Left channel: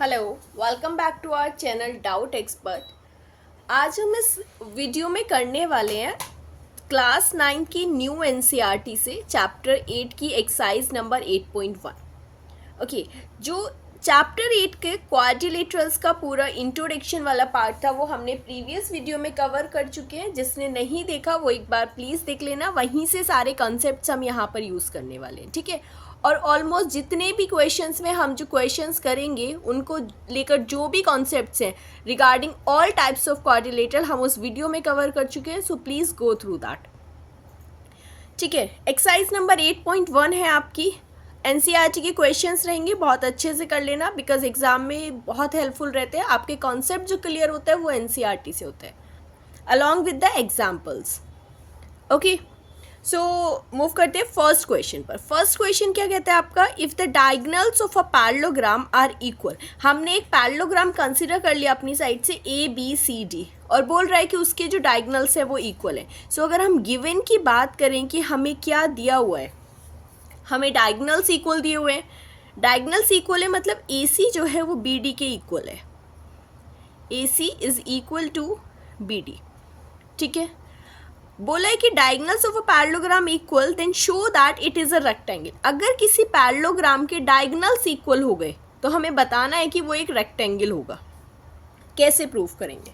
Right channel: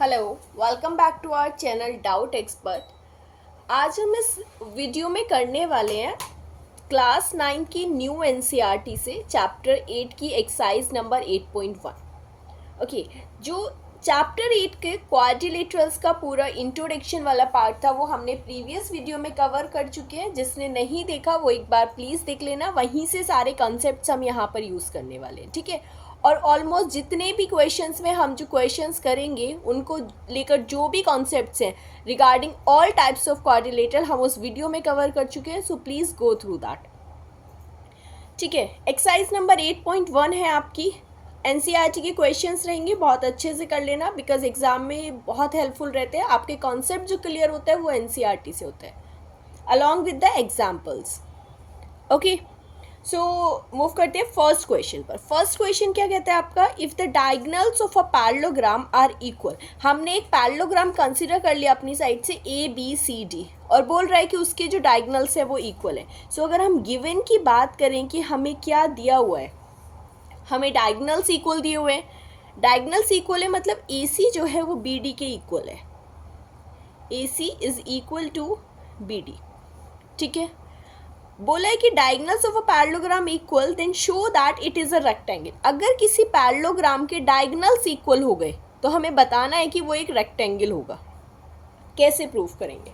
Hello, welcome back to our channel doubt expert. आज हम इस वीडियो में करने वाले हैं क्लास 9 की न्यू एनसीईआरटी से चैप्टर 8 की एक्सरसाइज नंबर 8.1। ओके, जो चैप्टर 8 के क्वाड्रिलेटरल्स का पूरा इंट्रोडक्शन वाला पार्ट था वो हमने प्रीवियस वीडियो में कवर कर चुके हैं। जिसने नहीं देखा वो एक बार प्लीज़ देख लेना, वहीं से सारे कॉन्सेप्ट्स हम यहाँ पर यूज़ करने वाले हैं, ठीक है। और ऑलमोस्ट जितने भी क्वेश्चंस में हम जो क्वेश्चंस करेंगे उनको लेकर जो भी कॉन्सेप्ट्स हैं regarding all types of quadrilateral हम उस वीडियो में कवर कर चुके हैं, so please go through that. ठीक है, एक्सरसाइज नंबर 8.1 है आपकी। एनसीईआरटी के क्वेश्चंस रहेंगे, बहुत अच्छे से कर लेना बिकॉज एग्जाम में बहुत हेल्पफुल रहते हैं। आपके कॉन्सेप्ट जो क्लियर होता है वो एनसीईआरटी से होता है along with the examples. Okay, so move करते हैं फर्स्ट क्वेश्चन पर। फर्स्ट क्वेश्चन क्या कहता है आपका, if the diagonals of a parallelogram are equal. हमने एक पैरेललोग्राम कंसीडर कर लिया अपनी साइड से ए बी सी डी और बोल रहा है कि उसके जो डायगनल्स है वो इक्वल है। सो अगर हम गिवन की बात करें कि हमें क्या दिया हुआ है, हमें डायगनल्स इक्वल दिए हुए हैं। डायगनल्स इक्वल है मतलब ए सी जो है वो बी डी के इक्वल है। A C is equal to B D, ठीक है। बोला है कि diagonals of a parallelogram equal then show that it is a rectangle. अगर किसी पैरेललोग्राम के डायगनल्स इक्वल हो गए तो हमें बताना है कि वो एक रेक्टेंगल होगा। कैसे प्रूफ करेंगे?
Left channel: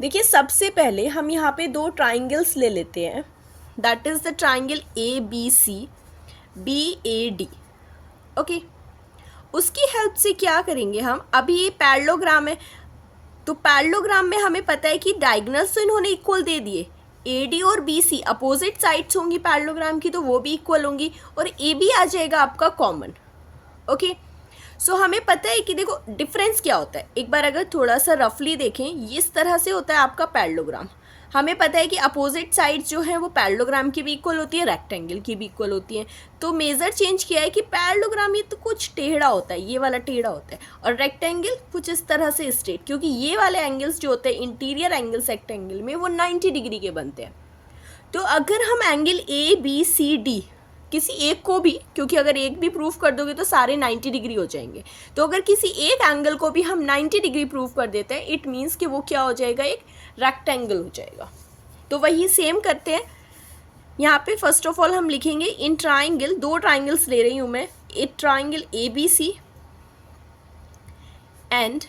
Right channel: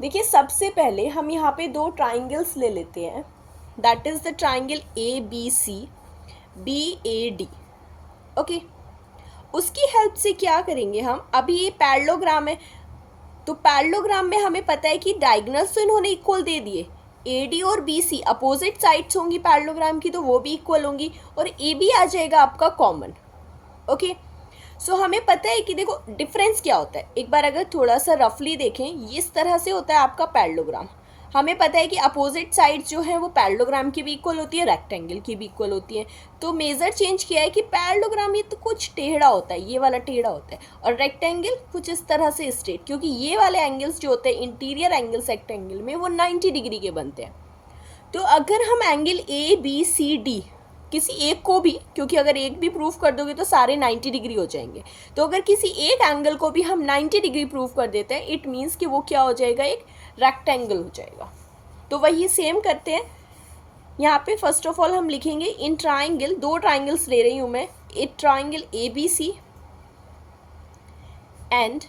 देखिए, सबसे पहले हम यहाँ पे दो ट्राइंगल्स ले लेते हैं, that is the triangle A B C, B A D. Okay, उसकी हेल्प से क्या करेंगे हम, अभी ये पैरेललोग्राम है तो पैरेललोग्राम में हमें पता है कि डायगनल्स तो इन्होंने इक्वल दे दिए। ए डी और बी सी अपोजिट साइड्स होंगी पैरेललोग्राम की तो वो भी इक्वल होंगी और ए बी आ जाएगा आपका कॉमन। ओके, सो हमें पता है कि देखो डिफरेंस क्या होता है। एक बार अगर थोड़ा सा रफली देखें, इस तरह से होता है आपका पैरेललोग्राम। हमें पता है कि अपोजिट साइड्स जो है वो पैरेललोग्राम की भी इक्वल होती है, रेक्टेंगल की भी इक्वल होती है। तो मेजर चेंज किया है कि पैरेललोग्राम ये तो कुछ टेढ़ा होता है, ये वाला टेढ़ा होता है, और रेक्टेंगल कुछ इस तरह से स्ट्रेट, क्योंकि ये वाले एंगल्स जो होते हैं इंटीरियर एंगल्स रेक्टेंगल में वो 90 डिग्री के बनते हैं। तो अगर हम angle A B C D किसी एक को भी, क्योंकि अगर एक भी प्रूफ कर दोगे तो सारे 90 डिग्री हो जाएंगे, तो अगर किसी एक एंगल को भी हम 90 डिग्री प्रूफ कर देते हैं इट मीन्स कि वो क्या हो जाएगा, एक रेक्टेंगल हो जाएगा। तो वही सेम करते हैं यहाँ पे। फर्स्ट ऑफ ऑल हम लिखेंगे इन ट्राइंगल, दो ट्राइंगल्स ले रही हूँ मैं, एक triangle A B C and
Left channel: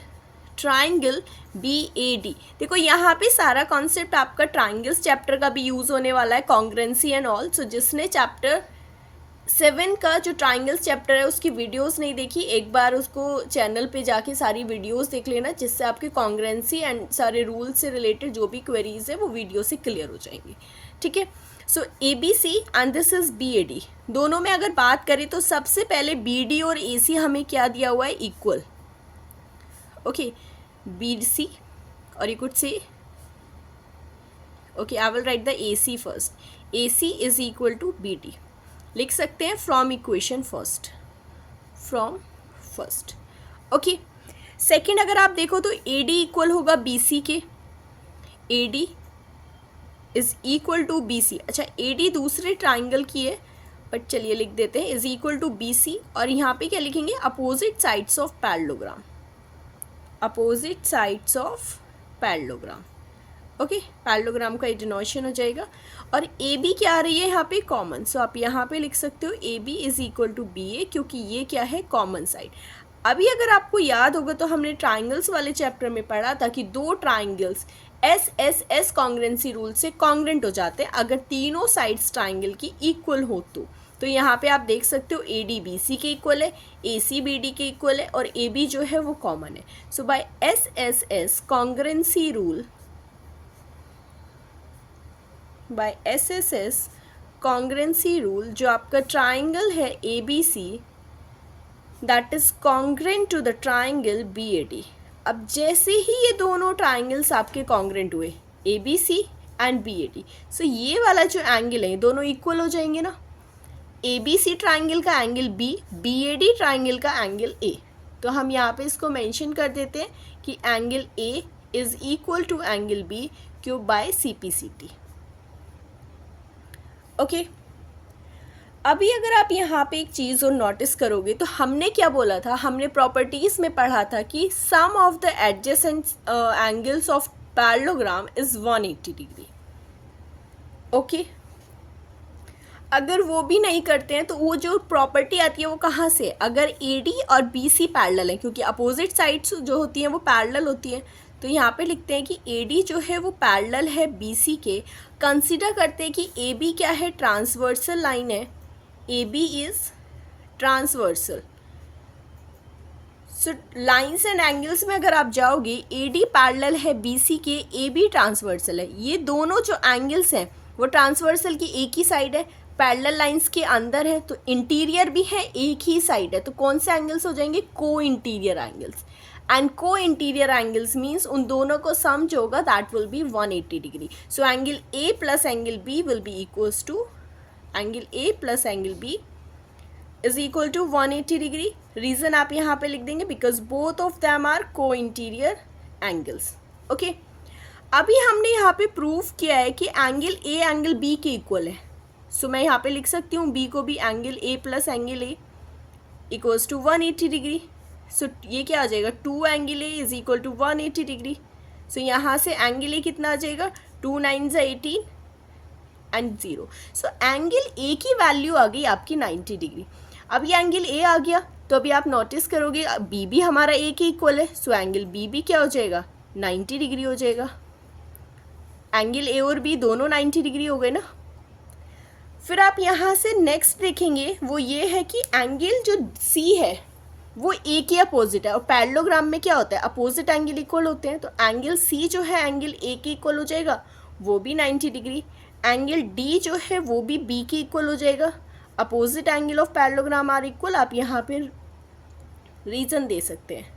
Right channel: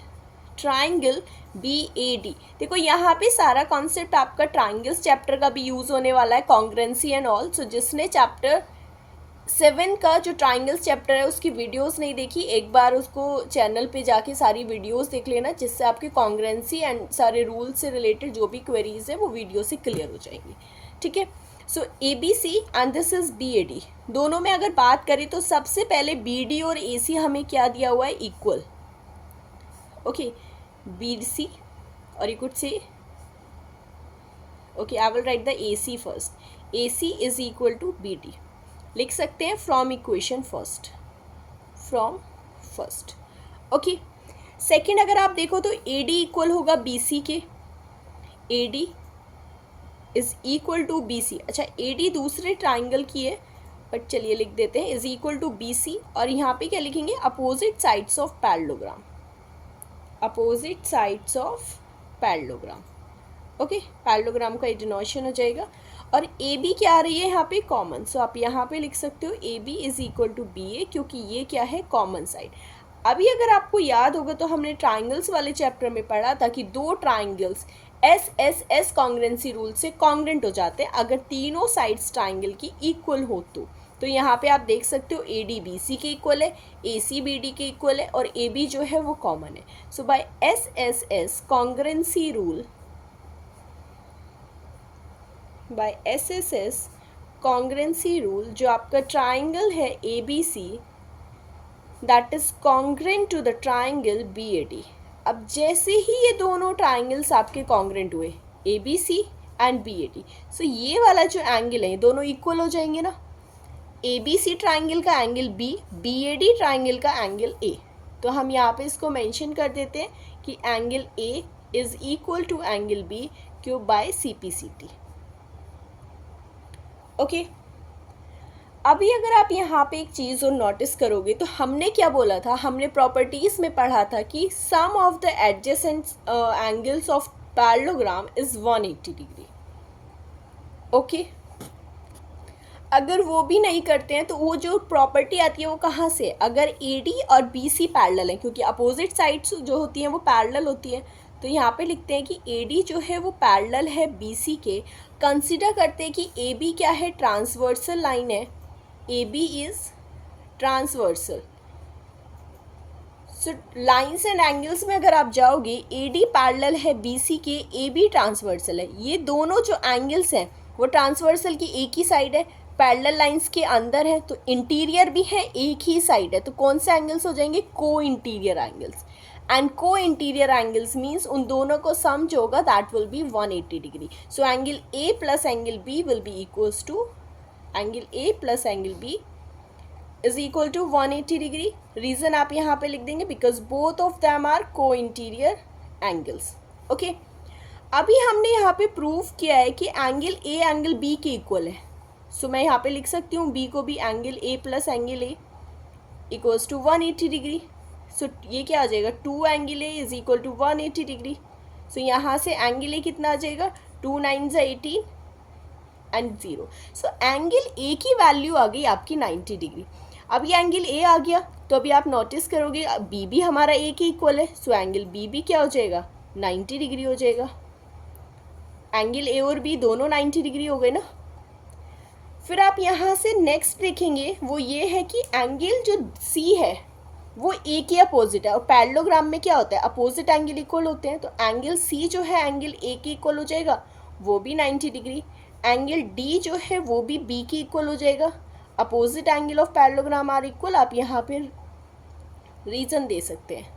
triangle B A D. देखो यहाँ पे सारा कॉन्सेप्ट आपका ट्राइंगल्स चैप्टर का भी यूज़ होने वाला है, कॉन्ग्रुएंसी एंड ऑल। सो जिसने चैप्टर 7 का जो ट्राइंगल्स चैप्टर है उसकी वीडियोस नहीं देखी, एक बार उसको चैनल पे जाके सारी वीडियोस देख लेना, जिससे आपकी कॉन्ग्रुएंसी एंड सारे रूल्स से रिलेटेड जो भी क्वेरीज है वो वीडियो से क्लियर हो जाएंगी, ठीक है। So A B C and this is B A D. दोनों में अगर बात करें तो सबसे पहले बी डी और ए सी हमें क्या दिया हुआ है, इक्वल। ओके, बी सी और you could say okay, I will write the A C first. A C is equal to B D लिख सकते हैं from equation first, from first. Okay, second अगर आप देखो तो ए डी इक्वल होगा B C के, A D is equal to B C. अच्छा, ए डी दूसरे ट्राइंगल की है बट चलिए लिख देते हैं is equal to B C, और यहाँ पे क्या लिखेंगे, opposite sides of parallelogram, opposite sides of parallelogram. Okay, parallelogram का डिनोशन हो जाएगा। और ए बी क्या आ रही है यहाँ पे, कॉमन। सो आप यहाँ पे लिख सकते हो A B is equal to B A, क्योंकि ये क्या है, कॉमन साइड। अभी अगर आपको याद होगा तो हमने ट्राइंगल्स वाले चैप्टर में पढ़ा था कि दो triangles S S S congruency rule से कॉन्ग्रुएंट हो जाते हैं अगर तीनों साइड्स ट्राइंगल की इक्वल हो तो यहाँ पे आप देख सकते हो ए डी बी सी के इक्वल है, ए सी बी डी के इक्वल है, और ए बी जो है वो कॉमन है। So by S S S congruency rule, by S S S congruency rule, जो आपका ट्राइंगल है A B C that is congruent to the triangle B A D. अब जैसे ही ये दोनों ट्राइंगल्स आपके कॉन्ग्रुएंट हुए, A B C and B A D, so ये वाला जो एंगल है दोनों इक्वल हो जाएंगे ना। ए बी सी ट्राइंगल का angle B, B A D triangle का एंगल ए। तो हम यहाँ पे इसको मेंशन कर देते हैं कि angle A is equal to angle B cube by C P C T. Okay, अभी अगर आप यहाँ पे एक चीज़ और नोटिस करोगे तो हमने क्या बोला था, हमने प्रॉपर्टीज में पढ़ा था कि sum of the adjacent angles of parallelogram is 180 degree. Okay, अगर वो भी नहीं करते हैं तो वो जो प्रॉपर्टी आती है वो कहाँ से, अगर ए डी और बी सी पैरेलल है, क्योंकि अपोजिट साइड्स जो होती हैं वो पैरेलल होती हैं, तो यहाँ पे लिखते हैं कि ए डी जो है वो पैरेलल है बी सी के। कंसिडर करते हैं कि ए बी क्या है, ट्रांसवर्सल लाइन है, A B is transversal. So lines and angles में अगर आप जाओगे, ए डी पैरेलल है बी सी के, ए बी ट्रांसवर्सल है, ये दोनों जो एंगल्स हैं वो ट्रांसवर्सल की एक ही साइड है, पैरेलल लाइंस के अंदर है, तो इंटीरियर भी है, एक ही साइड है, तो कौन से एंगल्स हो जाएंगे, को interior angles. And co-interior angles means उन दोनों को सम जो होगा that will be 180 degree. So angle A plus angle B will be equals to, angle A plus angle B is equal to 180 degree. Reason आप यहाँ पे लिख देंगे because both of them are co-interior angles. Okay, अभी हमने यहाँ पे prove किया है कि एंगल ए एंगल बी के इक्वल है, सो मैं यहाँ पे लिख सकती हूँ बी को भी angle A plus angle A equals to 180 degree. So ये क्या आ जाएगा, 2 angle A is equal to 180 degree. So यहाँ से एंगल ए कितना आ जाएगा, 2 9 18 एंड 0। सो एंगल ए की वैल्यू आ गई आपकी 90 डिग्री। अब ये एंगल ए आ गया तो अभी आप नोटिस करोगे बी भी हमारा ए के इक्वल है, सो एंगल बी भी क्या हो जाएगा, 90 डिग्री हो जाएगा। एंगल ए और बी दोनों 90 डिग्री हो गए ना। फिर आप यहाँ से नेक्स्ट देखेंगे, वो ये है कि एंगल जो सी है वो ए के अपोजिट है, और पैरेललोग्राम में क्या होता है, अपोजिट एंगल इक्वल होते हैं, तो एंगल सी जो है एंगल ए के इक्वल हो जाएगा, वो भी 90 डिग्री। एंगल डी जो है वो भी बी के इक्वल हो जाएगा, opposite angle of parallelogram are equal. आप यहाँ पे रीजन दे सकते हैं,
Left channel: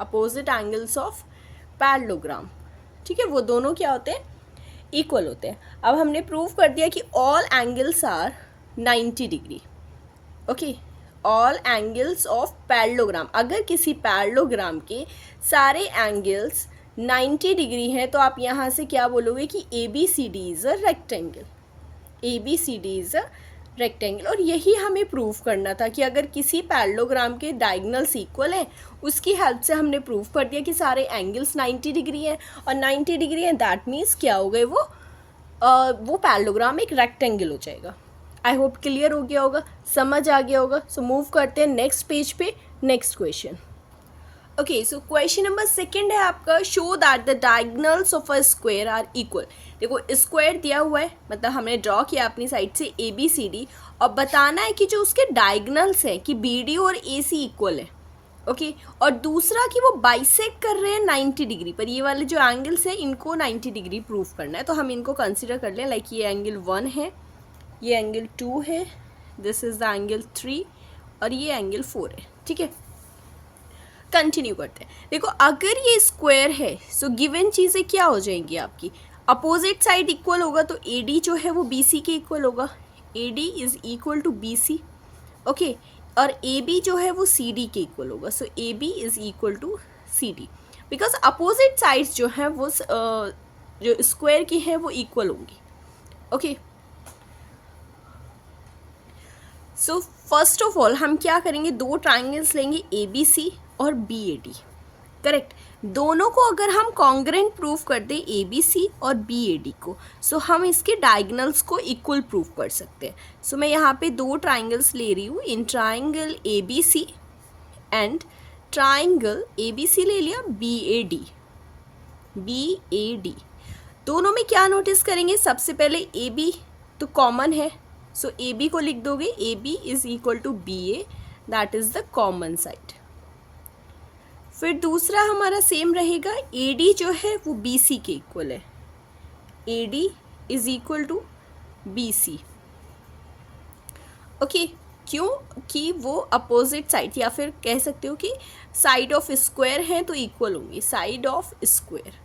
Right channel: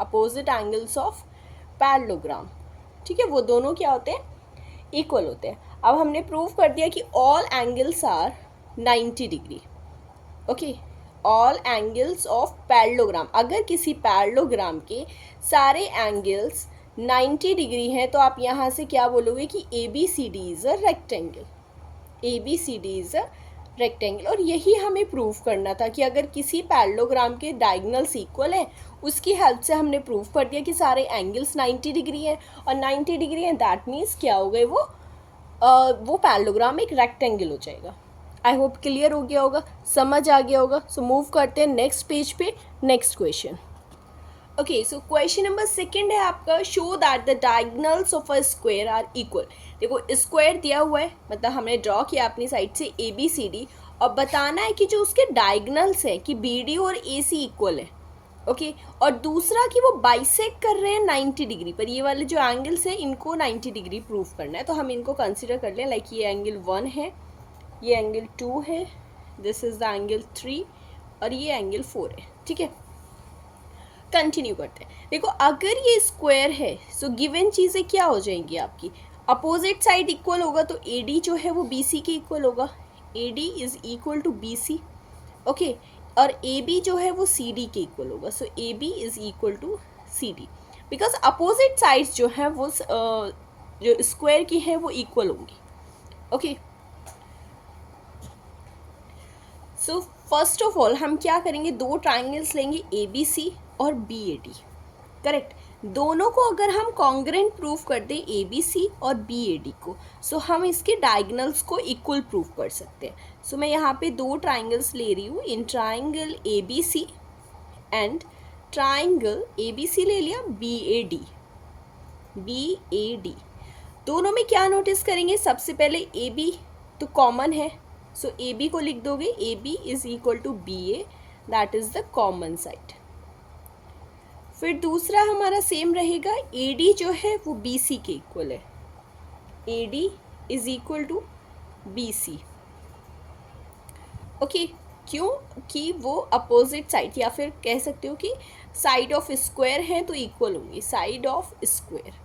अपोजिट एंगल्स ऑफ पैरेललोग्राम, ठीक है, वो दोनों क्या होते हैं, इक्वल होते हैं। अब हमने प्रूव कर दिया कि all angles are 90 degree. Okay, all angles of parallelogram, अगर किसी पैरेललोग्राम के सारे एंगल्स 90 डिग्री हैं तो आप यहाँ से क्या बोलोगे कि A B C D is a rectangle, A B C D is a rectangle. और यही हमें प्रूव करना था कि अगर किसी पैरेललोग्राम के डायगोनल्स इक्वल हैं, उसकी हेल्प से हमने प्रूव कर दिया कि सारे एंगल्स 90 डिग्री हैं, और 90 डिग्री हैं दैट मीन्स क्या हो गए, वो पैरेललोग्राम एक रेक्टेंगल हो जाएगा। आई होप क्लियर हो गया होगा, समझ आ गया होगा। सो मूव करते हैं नेक्स्ट पेज पे, next question. Okay, so question number 2 है आपका, show that the diagonals of a square are equal. देखो स्क्वायर दिया हुआ है, मतलब हमने ड्रॉ किया अपनी साइड से ए बी सी डी, और बताना है कि जो उसके डायगोनल्स हैं कि बी डी और ए सी इक्वल है। ओके, और दूसरा कि वो बाइसेक्ट कर रहे हैं 90 डिग्री पर, ये वाले जो एंगल्स हैं इनको 90 डिग्री प्रूव करना है, तो हम इनको कंसिडर कर लें, लाइक ये एंगल 1 है, ये एंगल 2 है, दिस इज़ द एंगल 3, और ये एंगल 4 है। ठीक है, कंटिन्यू करते हैं। देखो अगर ये स्क्वायर है सो गिवन चीज़ें क्या हो जाएंगी आपकी, अपोजिट साइड इक्वल होगा, तो ए डी जो है वो बी सी के इक्वल होगा, A D is equal to B C. Okay, और ए बी जो है वो सी डी के इक्वल होगा, so A B is equal to C D, because opposite sides जो हैं वो जो स्क्वायर की हैं वो इक्वल होंगी। Okay, so first of all हम क्या करेंगे, दो ट्राइंगल्स लेंगे ए बी सी और बी ए डी, करेक्ट। दोनों को अगर हम कॉन्ग्रेंट प्रूव कर दें ए बी सी और बी ए डी को, सो हम इसके डायगोनल्स को इक्वल प्रूव कर सकते हैं। सो मैं यहाँ पे दो ट्राइंगल्स ले रही हूँ, in triangle A B C and triangle A B C ले लिया B A D, B A D. दोनों में क्या नोटिस करेंगे, सबसे पहले ए बी तो कॉमन है, सो ए बी को लिख दोगे, A B is equal to B A, that is the common side. फिर दूसरा हमारा सेम रहेगा, ए डी जो है वो बी सी के इक्वल है, A D is equal to B C. Okay, क्यों कि वो अपोजिट साइड, या फिर कह सकते हो कि साइड ऑफ स्क्वायर हैं तो इक्वल होंगे, साइड ऑफ स्क्वायर।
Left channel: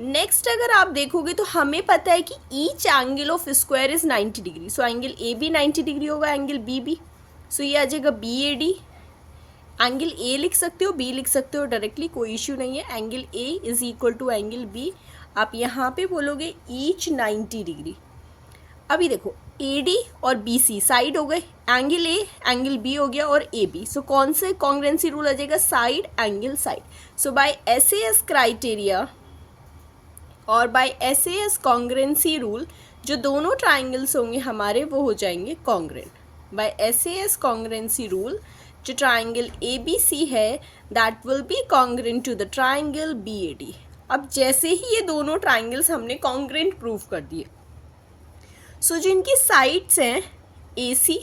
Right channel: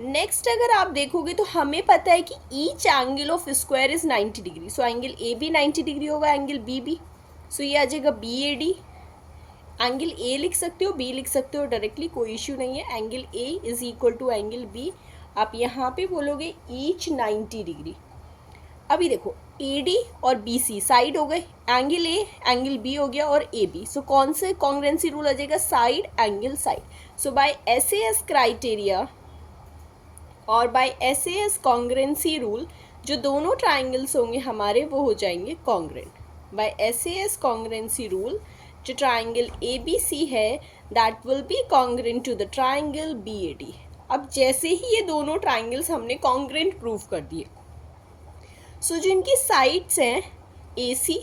नेक्स्ट अगर आप देखोगे तो हमें पता है कि each angle of square is 90 degree, so angle A B 90 degree होगा, एंगल बी भी, सो ये आ जाएगा B A D. Angle A लिख सकते हो, बी लिख सकते हो डायरेक्टली, कोई इश्यू नहीं है। Angle A is equal to angle B, आप यहाँ पे बोलोगे ईच 90 डिग्री। अभी देखो AD और BC साइड हो गए, एंगल A एंगल B हो गया और AB। सो कौन से कॉन्ग्रुएंसी रूल आ जाएगा? Side angle side. So by SAS criteria और बाय SAS कॉन्ग्रुएंसी रूल जो दोनों ट्राइंगल्स होंगे हमारे वो हो जाएंगे congruent. By SAS congruency rule जो ट्राइंगल ABC है that will be congruent to the triangle BAD। अब जैसे ही ये दोनों ट्राइंगल्स हमने कॉन्ग्रुएंट प्रूव कर दिए, सो जो इनकी साइड्स हैं AC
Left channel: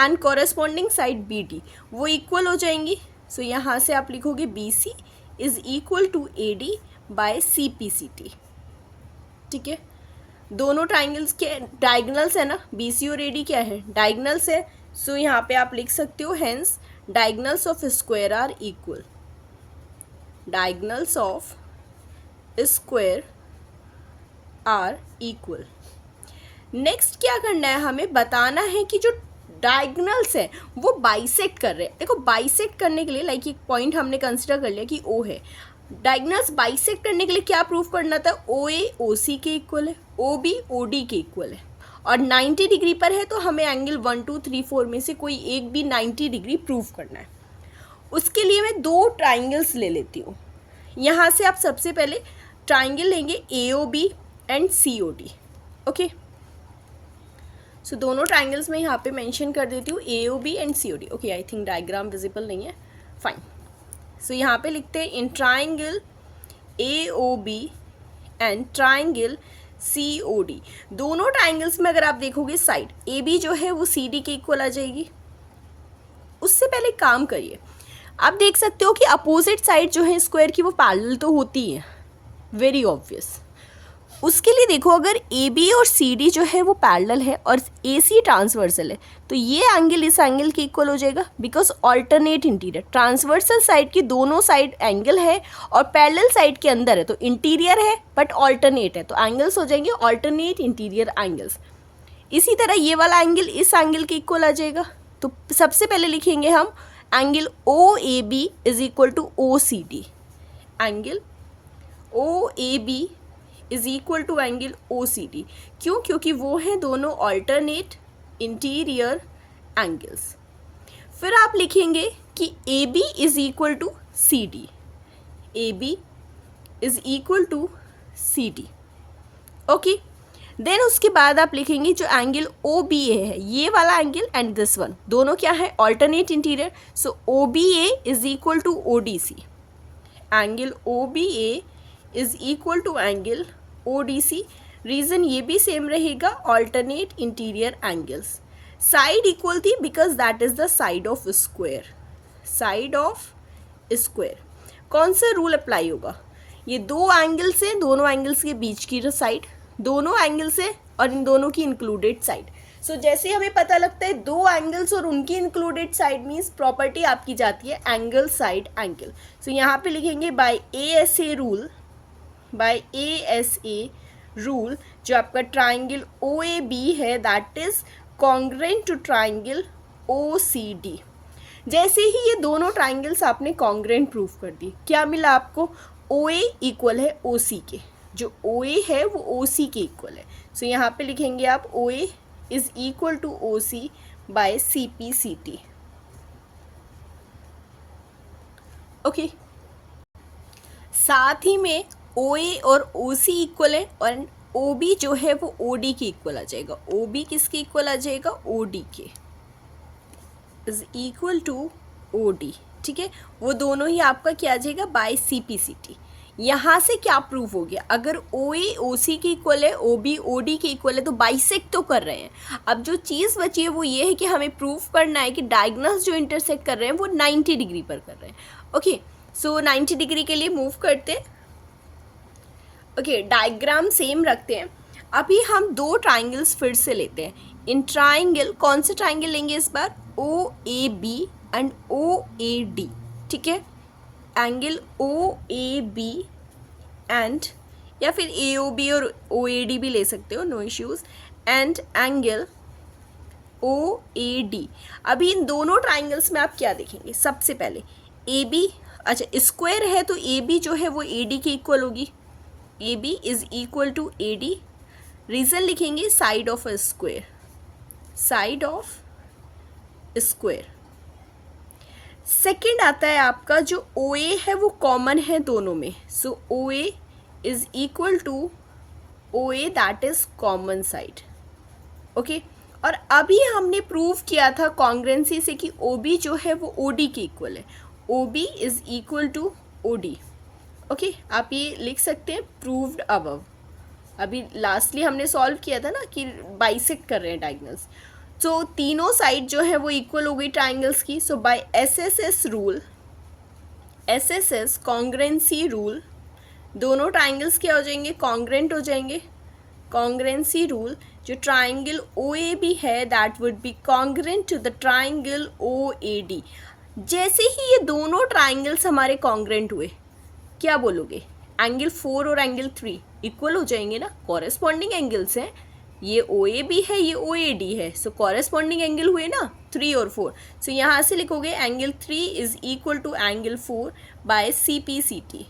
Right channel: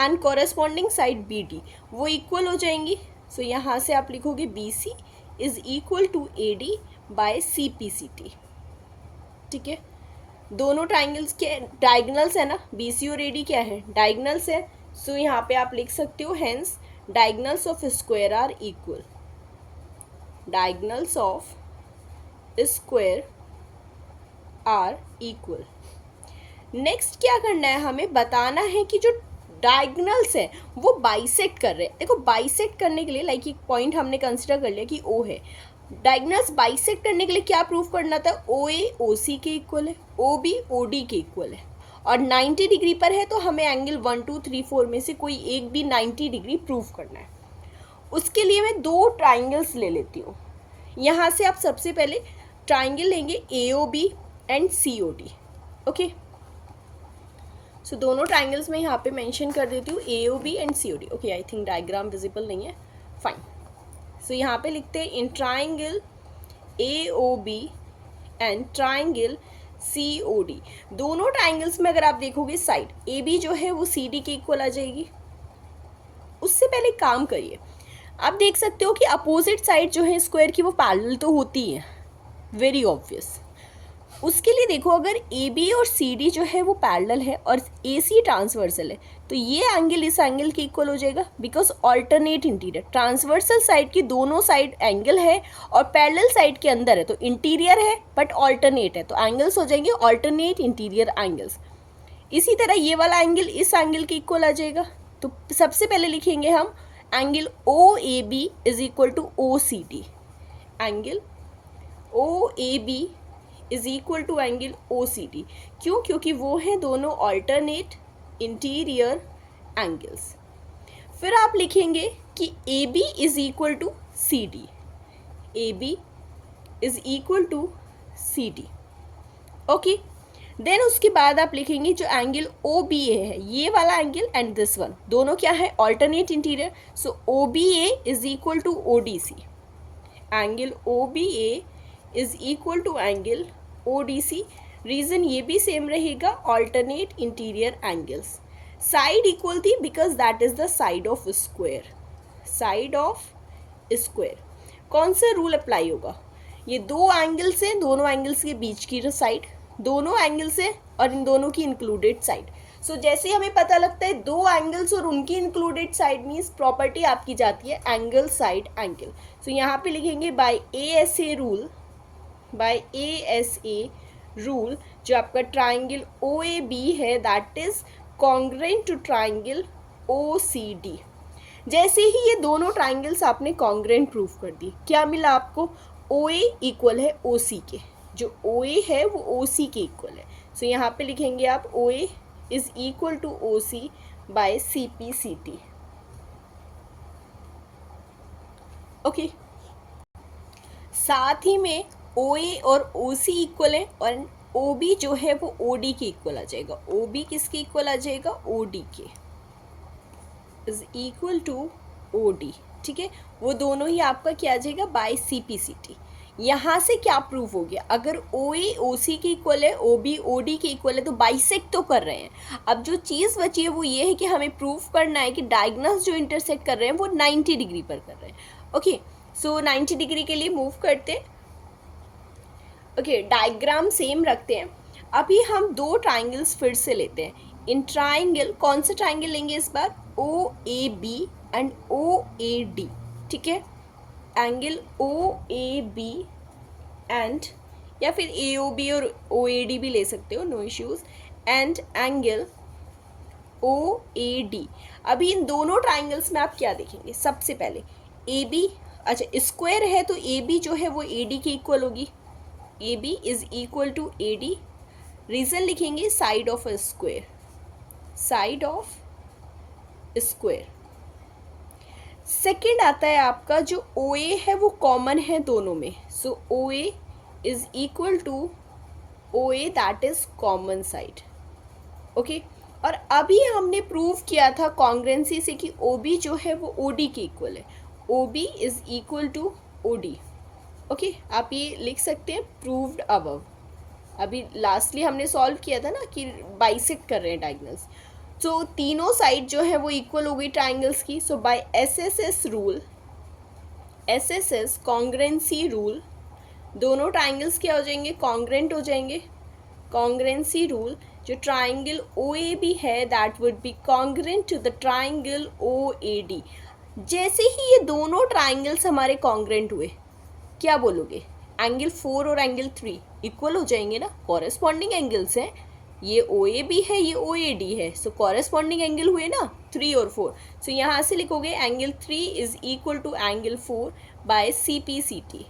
and corresponding side BD वो इक्वल हो जाएंगी। सो यहाँ से आप लिखोगे BC is equal to AD by CPCT। ठीक है, दोनों ट्राइंगल्स के डायगोनल्स है ना, BC और AD क्या है? डायगोनल्स है। सो यहाँ पे आप लिख सकते हो hence diagonals of square are equal. Diagonals of square are equal. Next क्या करना है? हमें बताना है कि जो डायगोनल्स हैं वो बाइसेक्ट कर रहे हैं। देखो बाइसेक्ट करने के लिए लाइक एक पॉइंट हमने कंसिडर कर लिया कि O है। डायगोनल्स बाइसेक्ट करने के लिए क्या प्रूव करना था? OA OC के इक्वल है, OB OD के इक्वल है और 90 डिग्री पर है, तो हमें एंगल 1 2 3 4 में से कोई एक भी 90 डिग्री प्रूव करना है। उसके लिए मैं दो ट्राइंगल्स ले लेती हूँ। यहाँ से आप सबसे पहले ट्राइंगल लेंगे AOB एंड COD। ओके, सो दोनों ट्राइंगल्स मैं यहाँ पे मेंशन कर देती हूँ AOB and COD। Okay, I think diagram visible नहीं है, फाइन। सो यहाँ पे लिखते हैं in triangle AOB and triangle COD। दोनों ट्राइंगल्स में अगर आप देखोगे साइड AB जो है वो CD के इक्वल आ जाएगी। उससे पहले काम करिए, आप देख सकते हो कि अपोजिट साइड जो है स्क्वायर की वो पैरेलल तो होती है, वेरी ऑब्वियस। उसके लिए देखो अगर AB और CD जो है वो पैरेलल है और AC ट्रांसवर्सल है तो ये एंगल इस एंगल के इक्वल हो जाएगा because alternate interior. Transversal side की दोनों साइड एंगल है और पैरेलल साइड के अंदर है तो इंटीरियर है बट ऑल्टरनेट है, तो एंगल्स हो जाएंगे ऑल्टरनेट इंटीरियर एंगल्स। इसी तरह ये वाला एंगल इस एंगल के इक्वल आ जाएगा। तो सबसे पहले लिखेंगे हम angle OAB is equal to OCD। Angle OAB is equal to angle OCD। क्यों? क्योंकि वो हैं दोनों ऑल्टरनेट इंटीरियर एंगल्स। फिर आप लिखेंगे कि AB is equal to CD। AB is equal to CD। Okay, then उसके बाद आप लिखेंगे जो एंगल OBA है, ये वाला एंगल एंड दिस वन, दोनों क्या है? Alternate interior. So OBA is equal to ODC। Angle OBA is equal to angle ODC। Reason ये भी सेम रहेगा, alternate interior angles. Side equal थी because that is the side of square. Side of square कौन सा rule apply होगा? ये दो angles हैं, दोनों एंगल्स के बीच की जो साइड, दोनों एंगल्स है और इन दोनों की इंक्लूडेड साइड। सो जैसे हमें पता लगता है दो एंगल्स और उनकी इंक्लूडेड साइड मीन्स प्रॉपर्टी आपकी जाती है एंगल साइड एंगल। सो यहाँ पे लिखेंगे by ASA rule, by ASA rule जो आपका ट्राइंगल OAB है that is congruent to triangle OCD। जैसे ही ये दोनों ट्राइंगल्स आपने कॉन्ग्रुएंट प्रूफ कर दी, क्या मिला आपको? OA इक्वल है OC के, जो OA है वो OC के इक्वल है। सो यहाँ पे लिखेंगे आप OA is equal to OC by CPCT। Okay, साथ ही में OA और OC इक्वल है और OB जो है वो OD के इक्वल आ जाएगा। OB किसके इक्वल आ जाएगा? OD के, इज इक्वल टू OD। ठीक है, वो दोनों ही आपका क्या आ जाएगा? By CPCT। यहाँ से क्या प्रूफ हो गया? अगर OA OC के इक्वल है, OB OD के इक्वल है तो बाइसेक्ट तो कर रहे हैं। अब जो चीज़ बची है वो ये है कि हमें प्रूफ करना है कि डायगोनल्स जो इंटरसेक्ट कर रहे हैं वो 90 डिग्री पर कर रहे हैं। ओके, सो 90 डिग्री के लिए मूव करते हैं। ओके, डायग्राम सेम रखते हैं। अभी हम दो ट्राइंगल्स फिर से लेते हैं। इन ट्राइंगल कौन से ट्राइंगल लेंगे इस बार? OAB and OAD। ठीक है, एंगल OAB एंड या फिर AOB और OAD भी ले सकते हो, no issues, and angle OAD। अभी इन दोनों ट्राइंगल्स में आप क्या देखेंगे? सबसे पहले AB, अच्छा स्क्वायर है तो AB जो है वो AD के इक्वल होगी। AB is equal to AD। Reason लिखेंगे side of a square, side of square. Second आता है आपका जो ओ ए है वो कॉमन है दोनों में, so O A is equal to O A that is common side. Okay, और अभी हमने प्रूव किया था कॉन्ग्रेंसी से कि ओ बी जो है वो ओ डी के इक्वल है, O B is equal to O D. Okay, आप ये लिख सकते हैं प्रूव्ड अबव। अभी लास्टली हमने सॉल्व किया था ना कि बाइसेक्ट कर रहे हैं डायगोनल्स, तो तीनों साइड जो है वो इक्वल हो गई ट्राइंगल्स की। So by SSS rule, SSS congruency rule, दोनों ट्राइंगल्स क्या हो जाएंगे, कॉन्ग्रेंट हो जाएंगे। कॉन्ग्रेंसी रूल, जो ट्राइंगल ओ ए बी है that would be congruent to the triangle O A D. जैसे ही ये दोनों ट्राइंगल्स हमारे कॉन्ग्रेंट हुए, क्या बोलोगे, एंगल 4 और एंगल 3 इक्वल हो जाएंगे ना, कॉरेस्पॉन्डिंग एंगल्स हैं, ये ओ ए बी है, ये ओ ए डी है, सो कॉरेस्पॉन्डिंग एंगल हुए ना 3 और 4। सो यहाँ से लिखोगे angle 3 is equal to angle 4 by C P C T.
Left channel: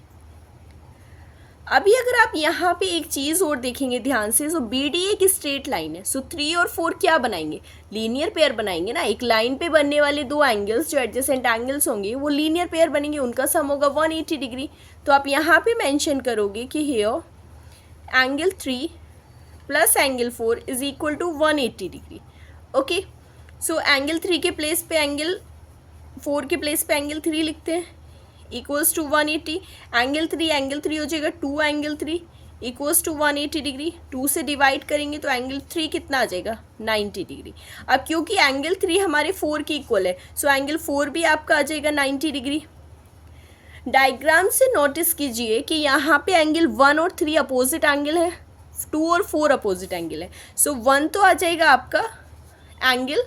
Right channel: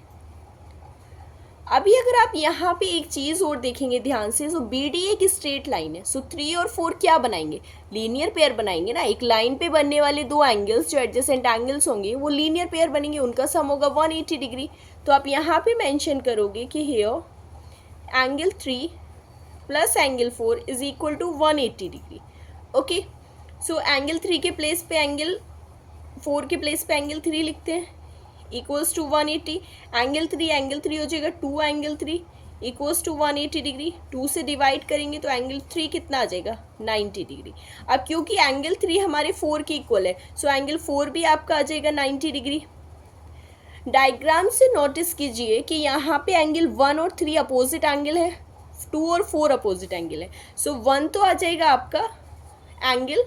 अभी अगर आप यहाँ पे एक चीज़ और देखेंगे ध्यान से, सो बी डी एक स्ट्रेट लाइन है, सो 3 और 4 क्या बनाएंगे, लीनियर पेयर बनाएंगे ना। एक लाइन पे बनने वाले दो एंगल्स जो एडजेसेंट एंगल्स होंगे वो लीनियर पेयर बनेंगे, उनका सम होगा 180 डिग्री। तो आप यहाँ पे मेंशन करोगे कि here angle 3 plus angle 4 is equal to 180 degree. Okay, so angle 3 के प्लेस पे एंगल 4 के प्लेस पे एंगल 3 लिखते हैं, इक्वल्स टू 180। एंगल 3 हो जाएगा 2 एंगल 3 इक्वल्स टू 180 डिग्री। 2 से डिवाइड करेंगे तो एंगल 3 कितना आ जाएगा, 90 डिग्री। अब क्योंकि एंगल 3 हमारे 4 के इक्वल है, सो एंगल 4 भी आपका आ जाएगा 90 डिग्री। डायग्राम से नोटिस कीजिए कि यहाँ पे एंगल 1 और 3 अपोजिट एंगल है, 2 और 4 अपोजिट एंगल है। सो 1 तो आ जाएगा आपका एंगल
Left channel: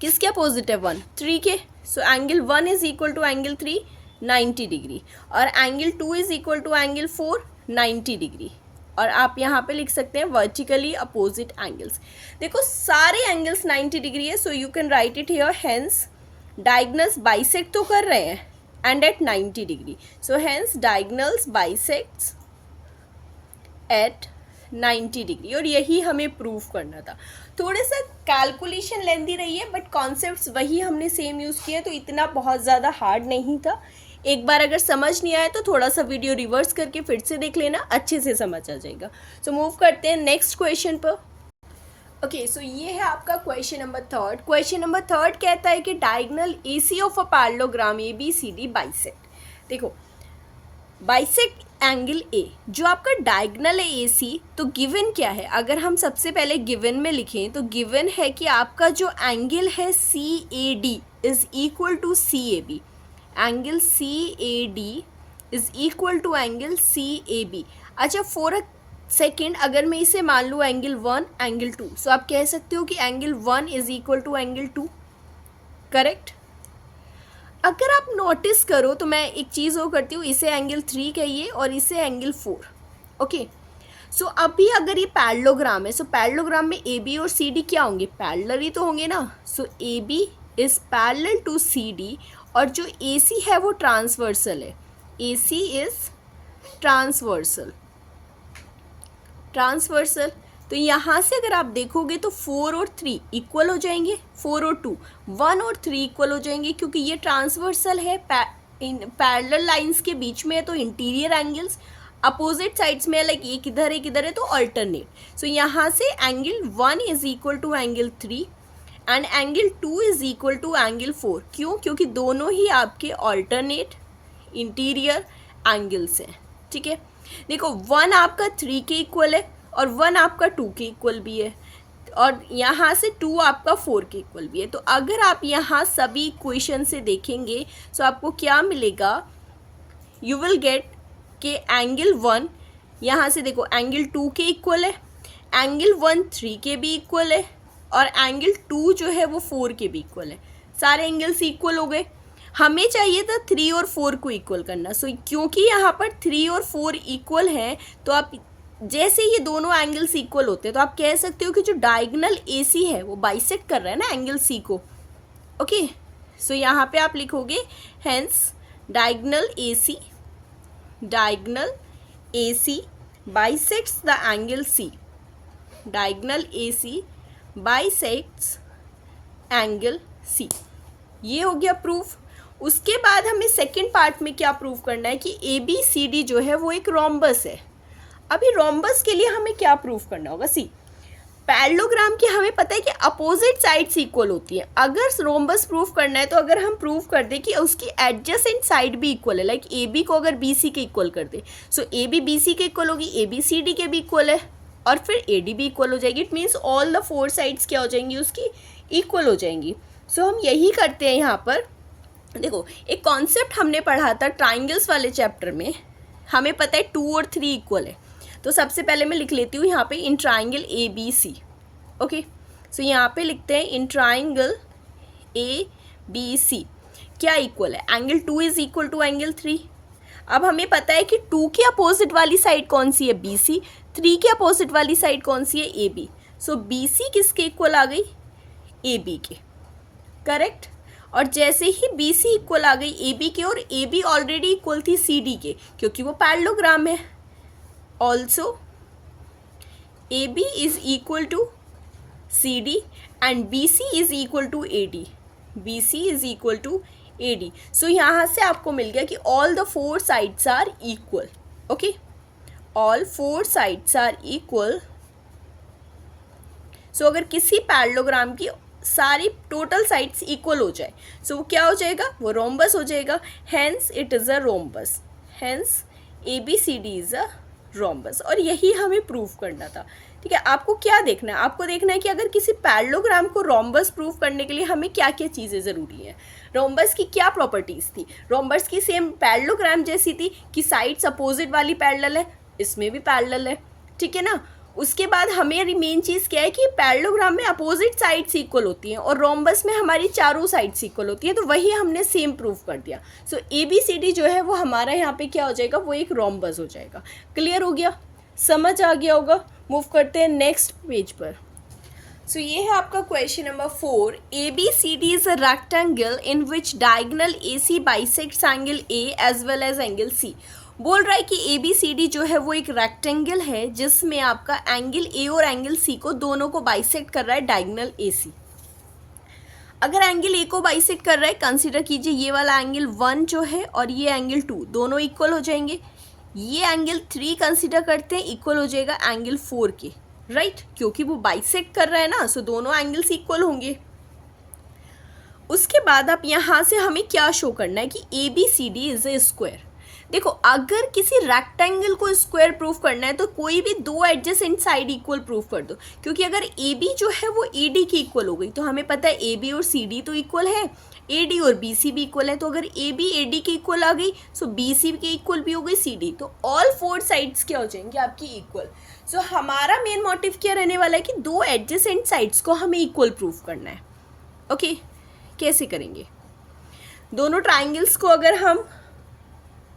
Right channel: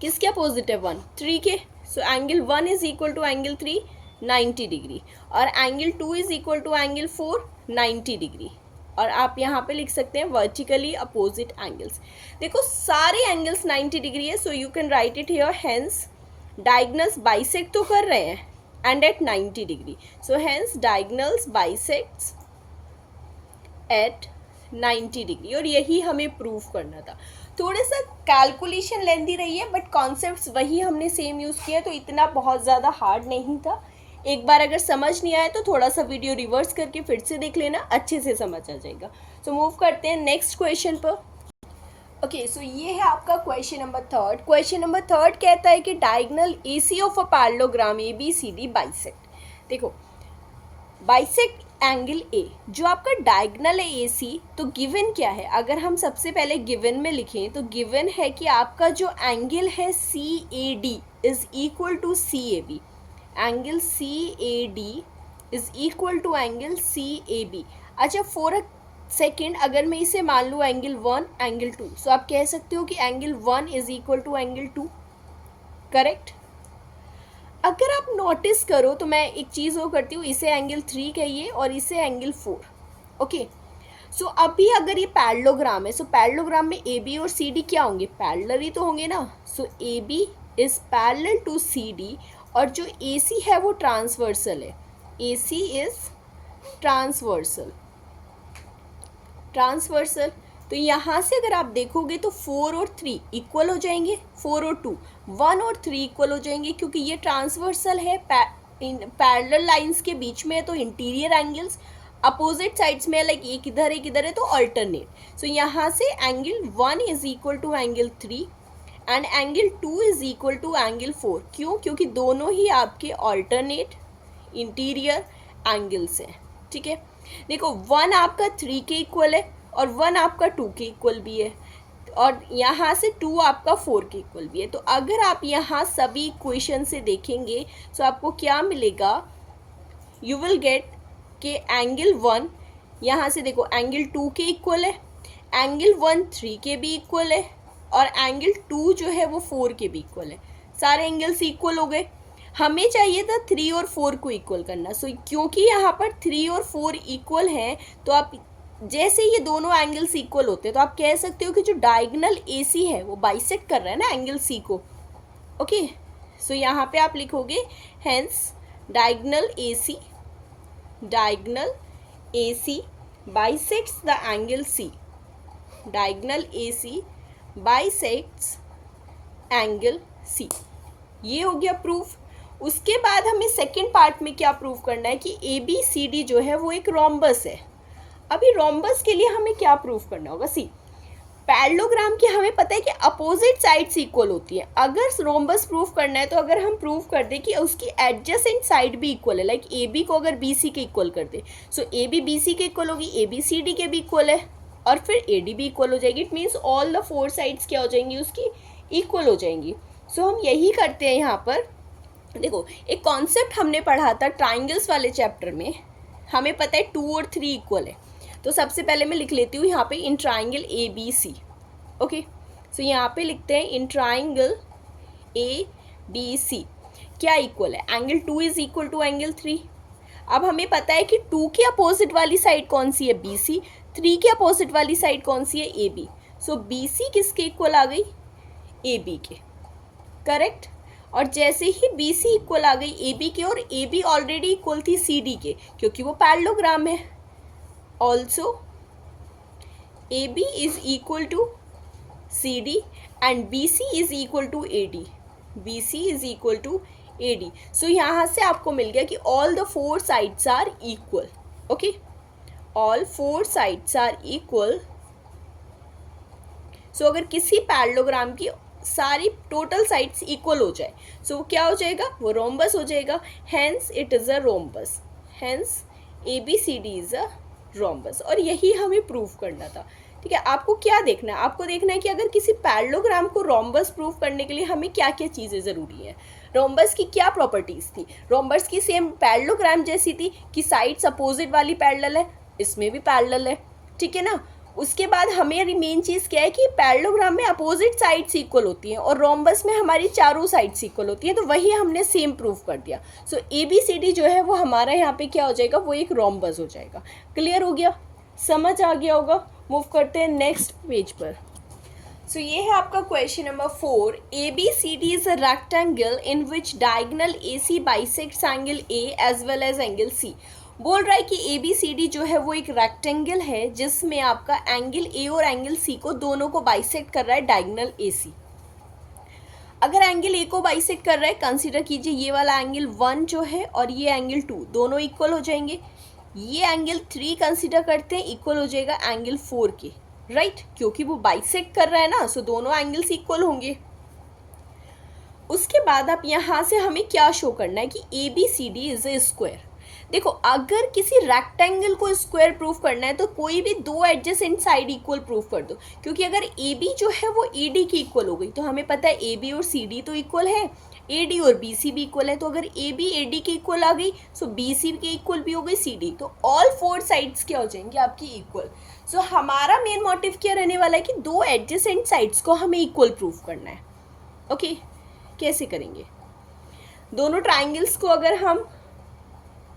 किसके अपोजिट है, 1 3 के। So angle 1 is equal to angle 3 90 degree, और angle 2 is equal to angle 4 90 degree. और आप यहाँ पे लिख सकते हैं वर्टिकली अपोजिट एंगल्स। देखो सारे एंगल्स 90 डिग्री है, so you can right it here, hence diagonals bisect तो कर रहे हैं and at 90 degree, so hence diagonals bisects at 90 degree। और यही हमें प्रूव करना था। थोड़ा सा कैलकुलेशन लेंदी रही है बट कॉन्सेप्ट्स वही हमने सेम यूज़ किया, तो इतना बहुत ज़्यादा हार्ड नहीं था। एक बार अगर समझ नहीं आया तो थोड़ा सा वीडियो रिवर्स करके फिर से देख लेना, अच्छे से समझ आ जाएगा। सो मूव करते हैं नेक्स्ट क्वेश्चन पर। ओके, सो ये है आपका क्वेश्चन नंबर 3। क्वेश्चन नंबर 3 कहता है कि diagonal AC of a parallelogram ABCD bisect. देखो बाइसेक्ट एंगल A, जो आपका डायगोनल है AC, तो गिवन क्या है, अगर हम सबसे पहले गिवन में लिखें तो गिवन है कि आपका जो एंगल है CAD is equal to CAB। Angle CAD is equal to angle CAB। अच्छा, फॉर अ सेकेंड अगर मैं इसे मान लूँ एंगल 1 एंगल 2, सो आप कह सकते हो कि angle 1 is equal to angle 2, correct. अगर आप नोटिस करो तो मैं एक चीज़ वो करती हूँ, इसे एंगल 3 कहिए और इसे एंगल 4। ओके, सो अभी अगर ये पैरेललोग्राम है, सो पैरेललोग्राम में AB और CD क्या होंगे, पैरेलल ही तो होंगे ना। So AB is parallel to CD, और जो AC है वो ट्रांसवर्सल है, AC इज ट्रांसवर्सल। तो यहाँ से अगर आप देखोगे तो 4 और 3 इक्वल हो जाएंगे, 4 और 2 1 और 3 इक्वल हो जाएंगे, क्योंकि ये ट्रांसवर्सल है, पैरेलल लाइंस के बीच में है, तो इंटीरियर एंगल्स अपोजिट साइड्स में, लाइक एक इधर है तो अल्टरनेट। सो यहाँ से angle 1 is equal to angle 3 and angle 2 is equal to angle 4। क्यों, क्योंकि दोनों ही आपके अल्टरनेट इंटीरियर एंगल्स हैं। ठीक है, देखो 1 आपका 3 के इक्वल है और 1 आपका 2 के इक्वल भी है, और यहाँ से 2 आपका 4 के इक्वल भी है। तो अगर आप यहाँ सभी इक्वेशन से देखेंगे तो आपको क्या मिलेगा, यू विल गेट कि एंगल 1 यहाँ से देखो एंगल 2 के इक्वल है, एंगल 1 3 के भी इक्वल है, और एंगल 2 जो है वो 4 के भी इक्वल है। सारे एंगल्स इक्वल हो गए। हमें चाहिए था 3 और 4 को इक्वल करना। सो क्योंकि यहाँ पर 3 और 4 इक्वल हैं, तो आप जैसे ये दोनों एंगल्स इक्वल होते हैं तो आप कह सकते हो कि जो डायगोनल AC है वो बाइसेक्ट कर रहा है ना एंगल C को। ओके, सो यहाँ पे आप लिखोगे hence diagonal AC bisects the angle C। Diagonal AC bisects angle C। ये हो गया प्रूफ। उसके बाद हमें सेकंड पार्ट में क्या प्रूफ करना है कि ABCD जो है वो एक रोम्बस है। अभी रोम्बस के लिए हमें क्या प्रूफ करना होगा? सी, पैरेललोग्राम की हमें पता है कि अपोजिट साइड्स इक्वल होती है। अगर रोम्बस प्रूफ करना है तो अगर हम प्रूफ कर दें कि उसकी एडजेसेंट साइड भी इक्वल है, लाइक AB को अगर BC के इक्वल कर दे, सो AB BC के इक्वल होगी, AB CD के भी इक्वल है, और फिर AD भी इक्वल हो जाएगी। It means all the four sides क्या हो जाएंगी उसकी? इक्वल हो जाएंगी। सो हम यही करते हैं यहाँ पर। देखो, एक कॉन्सेप्ट हमने पढ़ा था ट्राइंगल्स वाले चैप्टर में, हमें पता है 2 और 3 इक्वल है। तो सबसे पहले मैं लिख लेती हूँ यहाँ पे in triangle ABC। Okay, so यहाँ पे लिखते हैं इन ट्राइंगल ABC क्या इक्वल है? Angle 2 is equal to angle 3। अब हमें पता है कि 2 के अपोजिट वाली साइड कौन सी है? BC। 3 के अपोजिट वाली साइड कौन सी है? AB। सो BC किसके इक्वल आ गई? AB के, करेक्ट। और जैसे ही BC इक्वल आ गई AB के, और AB ऑलरेडी इक्वल थी CD के क्योंकि वो पैरेललोग्राम है। Also AB is equal to CD and BC is equal to AD। BC is equal to AD। So यहाँ से आपको मिल गया कि all the four sides are equal. Okay, all four sides are equal. So अगर किसी parallelogram की सारी टोटल साइड्स इक्वल हो जाए, सो वो क्या हो जाएगा? वो रोम्बस हो जाएगा। Hence it is a rhombus. Hence ABCD is a rhombus. और यही हमें प्रूफ करना था। ठीक है, आपको क्या देखना है? आपको देखना है कि अगर किसी पैरेललोग्राम को रोम्बस प्रूफ करने के लिए हमें क्या क्या चीज़ें ज़रूरी हैं। रोम्बस की क्या प्रॉपर्टीज़ थी? रोम्बस की सेम पैरेललोग्राम जैसी थी कि साइड्स अपोजिट वाली पैरेलल है, इसमें भी पैरेलल है, ठीक है ना। उसके बाद हमें मेन चीज़ क्या है कि पैरेललोग्राम में अपोजिट साइड्स इक्वल होती हैं और रोम्बस में हमारी चारों साइड्स इक्वल होती हैं। तो वही हमने सेम प्रूफ कर दिया। सो ABCD जो है वो हमारा यहाँ पे क्या हो जाएगा? वो एक रोम्बस हो जाएगा। क्लियर हो गया? समझ आ गया होगा? मूव करते हैं नेक्स्ट पेज पर। सो ये है आपका question number 4। ABCD is a rectangle in which diagonal AC bisects angle A as well as angle C। बोल रहा है कि ABCD जो है वो एक रेक्टेंगल है जिसमें आपका एंगल A और एंगल C को दोनों को बाइसेक्ट कर रहा है डायगोनल AC। अगर एंगल A को बाइसेक्ट कर रहा है, कंसीडर कीजिए ये वाला एंगल 1 जो है और ये एंगल 2 दोनों इक्वल हो जाएंगे। ये एंगल 3 कंसीडर करते हैं, इक्वल हो जाएगा एंगल 4 के, राइट, क्योंकि वो बाइसेक्ट कर रहा है ना, सो दोनों एंगल्स इक्वल होंगे। उसके बाद आप यहाँ से हमें क्या शो करना है कि ABCD इज ए स्क्वायर। देखो, अगर किसी रेक्टेंगल को स्क्वायर प्रूफ करना है तो कोई भी दो एडजेसेंट साइड इक्वल प्रूफ कर दो, क्योंकि अगर AB जो है वो AD की इक्वल हो गई तो हमें पता है AB और CD तो इक्वल है, AD और BC भी इक्वल है। तो अगर AB AD की इक्वल आ गई, सो BC की इक्वल भी हो गई CD, तो ऑल फोर साइड्स क्या हो जाएंगे आपकी? इक्वल। सो हमारा मेन मोटिव क्या रहने वाला है कि दो एडजेसेंट साइड्स को हमें इक्वल प्रूफ करना है। ओके, कैसे करेंगे? दोनों ट्राइंगल्स को अगर हम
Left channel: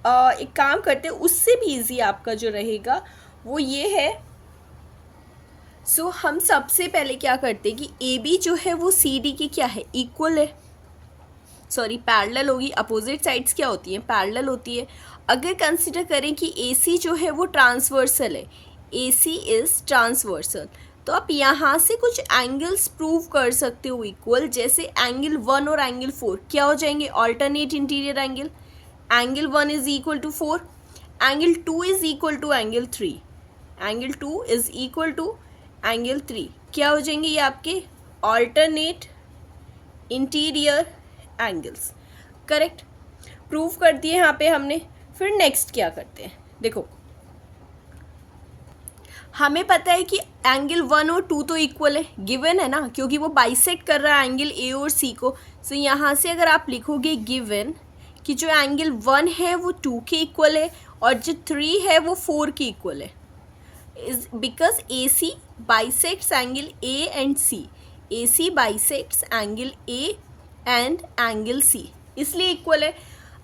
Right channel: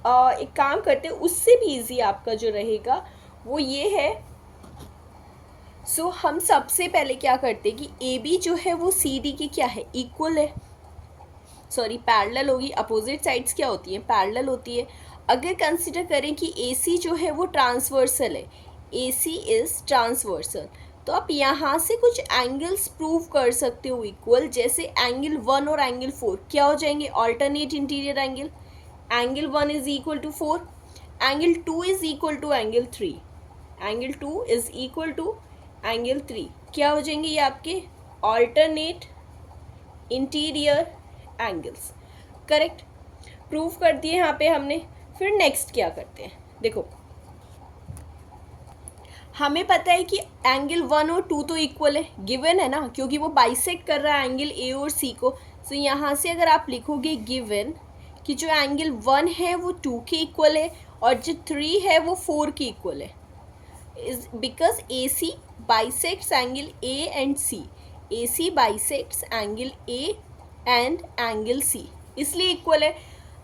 एक काम करते हैं, उससे भी इजी आपका जो रहेगा वो ये है। सो हम सबसे पहले क्या करते हैं कि AB जो है वो CD की क्या है? इक्वल है, सॉरी पैरेलल होगी। अपोजिट साइड्स क्या होती हैं? पैरेलल होती है। अगर कंसिडर करें कि AC जो है वो ट्रांसवर्सल है, AC इज ट्रांसवर्सल, तो आप यहाँ से कुछ एंगल्स प्रूव कर सकते हो इक्वल, जैसे एंगल 1 और एंगल 4 क्या हो जाएंगे? Alternate interior angle. Angle 1 is equal to 4, angle 2 is equal to angle 3, angle 2 is equal to angle 3, क्या हो जाएंगे ये आपके? Alternate interior angles, correct. Proof कर दिए यहाँ पे हमने। फिर नेक्स्ट क्या करते हैं? देखो, हमें पता है कि एंगल 1 और 2 तो इक्वल है, गिवन है ना, क्योंकि वो बाइसेक्ट कर रहा है एंगल A और C को। सो यहाँ से अगर आप लिखोगे गिवन कि जो एंगल 1 है वो 2 के इक्वल है और जो 3 है वो 4 के इक्वल है, is because AC bisects angle A and C। AC bisects angle A and angle C, इसलिए इक्वल है।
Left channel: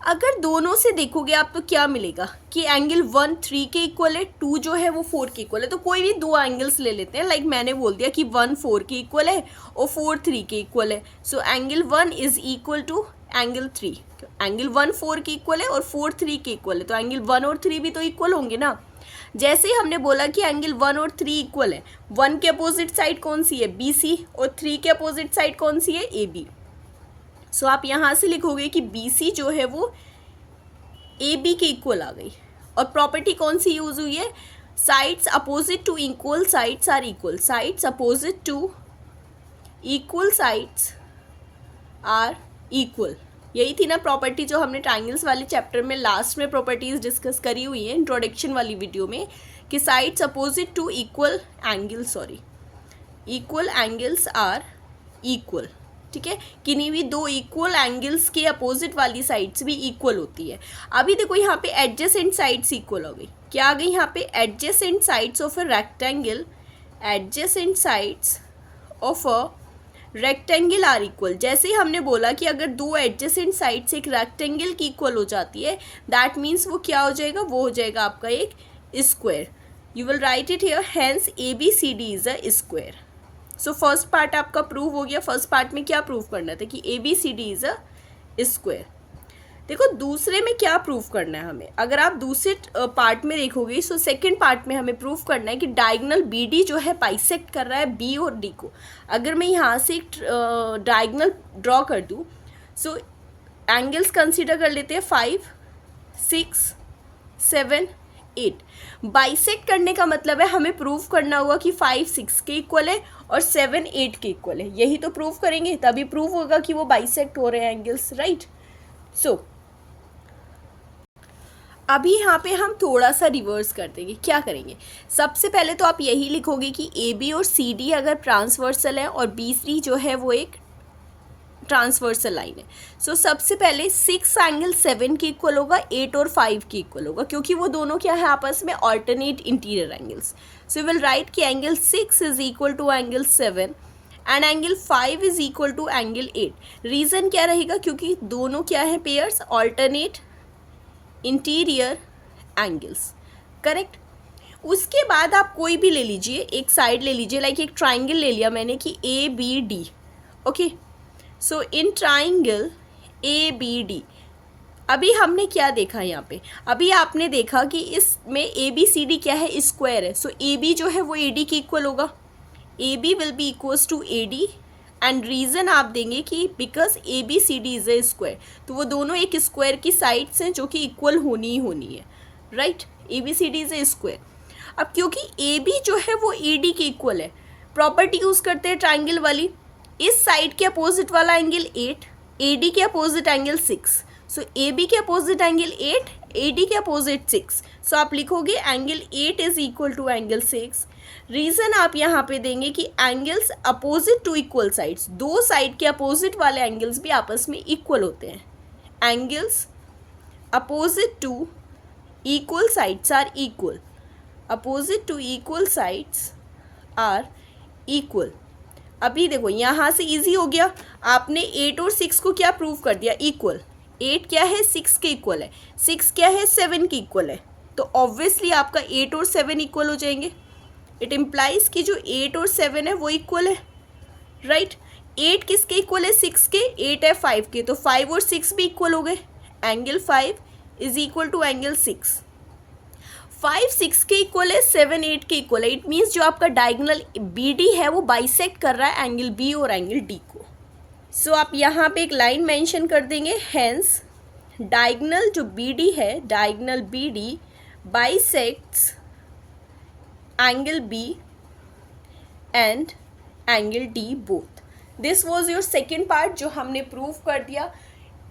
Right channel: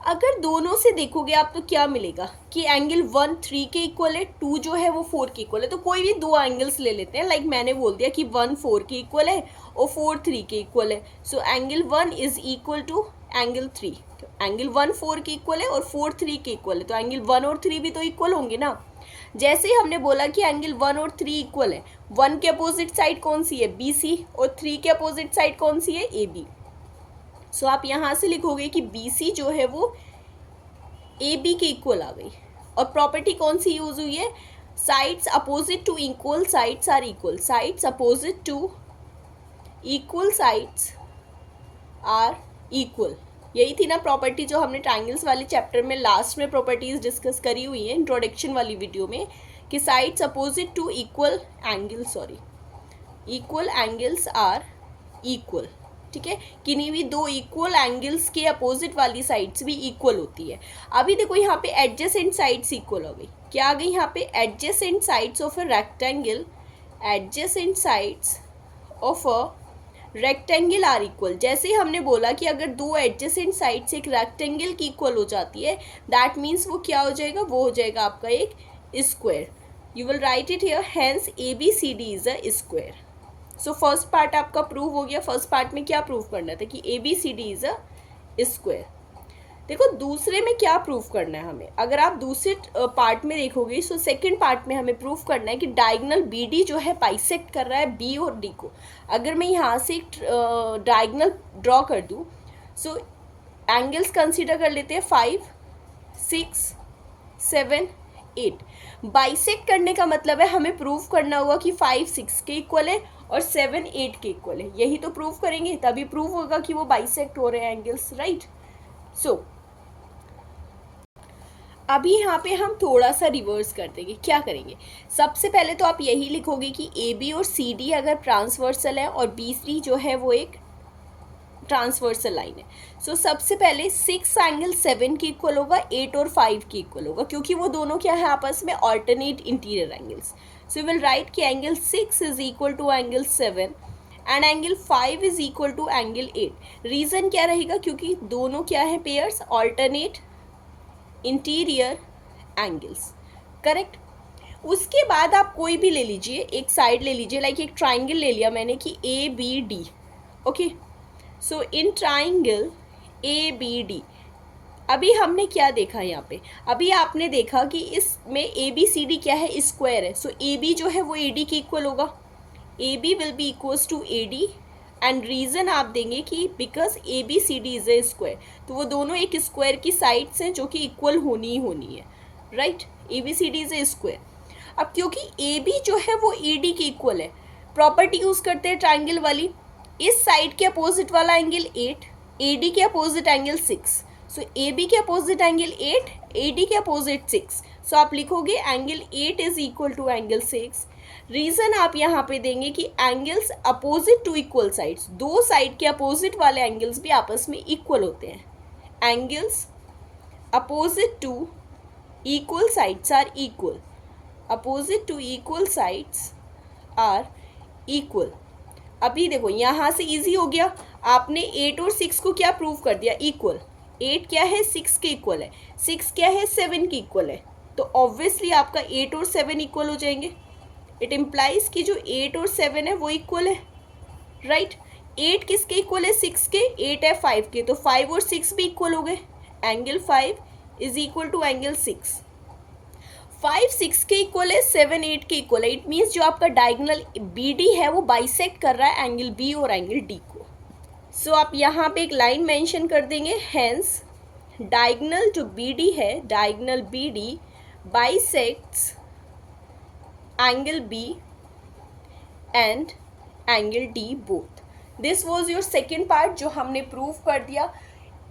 अगर दोनों से देखोगे आप तो क्या मिलेगा कि एंगल 1 3 के इक्वल है, 2 जो है वो 4 के इक्वल है। तो कोई भी दो एंगल्स ले लेते हैं, लाइक मैंने बोल दिया कि 1 4 के इक्वल है और 4 3 के इक्वल है। So angle 1 is equal to angle 3। Angle 1 4 के इक्वल है और 4 3 के इक्वल है, तो एंगल 1 और 3 भी तो इक्वल होंगे ना। जैसे ही हमने बोला कि एंगल 1 और 3 इक्वल है, 1 के अपोजिट साइड कौन सी है, बी सी, और 3 के अपोजिट साइड कौन सी है, ए बी। सो आप यहाँ से लिखोगे कि बी सी जो है वो ए बी के इक्वल आ गई। और प्रॉपर्टी कौन सी यूज हुई है, sides opposite to equal sides are equal, sides opposite to equal sides are equal. यही थी ना प्रॉपर्टी जो हमने ट्राइंगल्स वाले चैप्टर में लास्ट में प्रॉपर्टीज डिस्कस करी हुई है इंट्रोडक्शन वाली वीडियो में, कि sides opposite to equal angles, equal angles are equal. ठीक है, किन्हीं भी दो इक्वल एंगल्स के अपोजिट वाली साइड्स भी इक्वल होती है। अभी देखो यहाँ पे एडजेसेंट साइड्स इक्वल हो गई, क्या आ गई यहाँ पे, adjacent sides of a rectangle, adjacent sides of a rectangle are equal. जैसे ही हमने बोला कि अगर दो एडजेसेंट साइड्स एक रेक्टेंगल की इक्वल हो जाती है, दैट मीन्स वो क्या हो जाएगा, वो हो जाएगा आपका एक square. You will write it here, hence A B C D is a square. So first part आपका प्रूव हो गया। फर्स्ट पार्ट में क्या प्रूव करना था, कि A B C D is a square. देखो दूसरे में क्या प्रूफ करना है हमें, अगर आप दूसरे पार्ट में देखोगे, सो सेकंड पार्ट में हमें प्रूफ करना है कि डायगोनल बी डी जो है बाइसेक्ट कर रहा है बी और डी को। अगर मैं यहाँ से एक डायगोनल ड्रॉ कर दूँ, सो एंगल्स कंसीडर कर लेते हैं 5, 6, 7, 8। बाइसेक्ट करने का मतलब है हमें प्रूफ करना होगा कि 5 6 के इक्वल है और 7 8 के इक्वल है। यही तो प्रूफ करेंगे, तभी प्रूफ होगा कि वो बाइसेक्ट हो रहे हैं एंगल्स, राइट। सो अभी यहाँ पे हम थोड़ा सा रिवर्स कर देंगे। क्या करेंगे, सबसे पहले तो आप यही लिखोगे कि ए बी और सी डी अगर ट्रांसवर्सल है और बी सी जो है वो एक ट्रांसवर्सल लाइन है। सो सबसे पहले 6 एंगल 7 के इक्वल होगा, 8 और 5 के इक्वल होगा, क्योंकि वो दोनों क्या है आपस में alternate interior angles. So will write कि angle 6 is equal to angle 7 and angle 5 is equal to angle 8। Reason क्या रहेगा, क्योंकि दोनों क्या है pairs, alternate interior angles, correct. उसके बाद आप कोई भी ले लीजिए, एक साइड ले लीजिए, लाइक एक ट्राइंगल ले लिया मैंने कि A B D, okay. So in triangle A B D, अभी हमने क्या देखा यहाँ पे, अभी आपने देखा कि इसमें ए बी सी डी क्या है, स्क्वायर है। सो ए बी जो है वो ए डी के इक्वल होगा, A B will be equals to A D, and reason आप देंगे कि because A B C D is a square, तो वो दोनों एक स्क्वायर की साइड्स हैं जो कि इक्वल होनी ही होनी है, right. A B C D is a square. अब क्योंकि ए बी जो है वो ए डी के इक्वल है, प्रॉपर्टी यूज़ करते हैं ट्राइंगल वाली, इस साइड के अपोजिट वाला एंगल 8, ए डी के opposite angle 6। So A B के अपोजिट एंगल 8, ए डी के अपोजिट 6। सो आप लिखोगे angle 8 is equal to angle 6। Reason आप यहाँ पे देंगे कि angles opposite to equal sides, दो साइड के अपोजिट वाले एंगल्स भी आपस में इक्वल होते हैं। Angles opposite to equal sides are equal, opposite to equal sides are equal. अभी देखो यहाँ से इजी हो गया, आपने 8 और 6 को क्या प्रूव कर दिया, इक्वल। 8 क्या है, 6 के इक्वल है, 6 क्या है, 7 के इक्वल है, तो ऑब्वियसली आपका 8 और 7 इक्वल हो जाएंगे। इट इम्प्लाइज कि जो 8 और 7 है वो इक्वल है, राइट। 8 किसके इक्वल है, 6 के, 8 है 5 के, तो 5 और 6 भी इक्वल हो गए। Angle 5 is equal to angle 6। 5 6 के इक्वल है, 7 8 के इक्वल है। इट मीन्स जो आपका डायगोनल बी डी है वो बाइसेक्ट कर रहा है एंगल बी और एंगल डी को। सो आप यहाँ पे एक लाइन मेंशन कर देंगे, हेंस डायगोनल जो बी डी है, diagonal B D bisects angle B and angle D both. This was your second part जो हमने प्रूव कर दिया।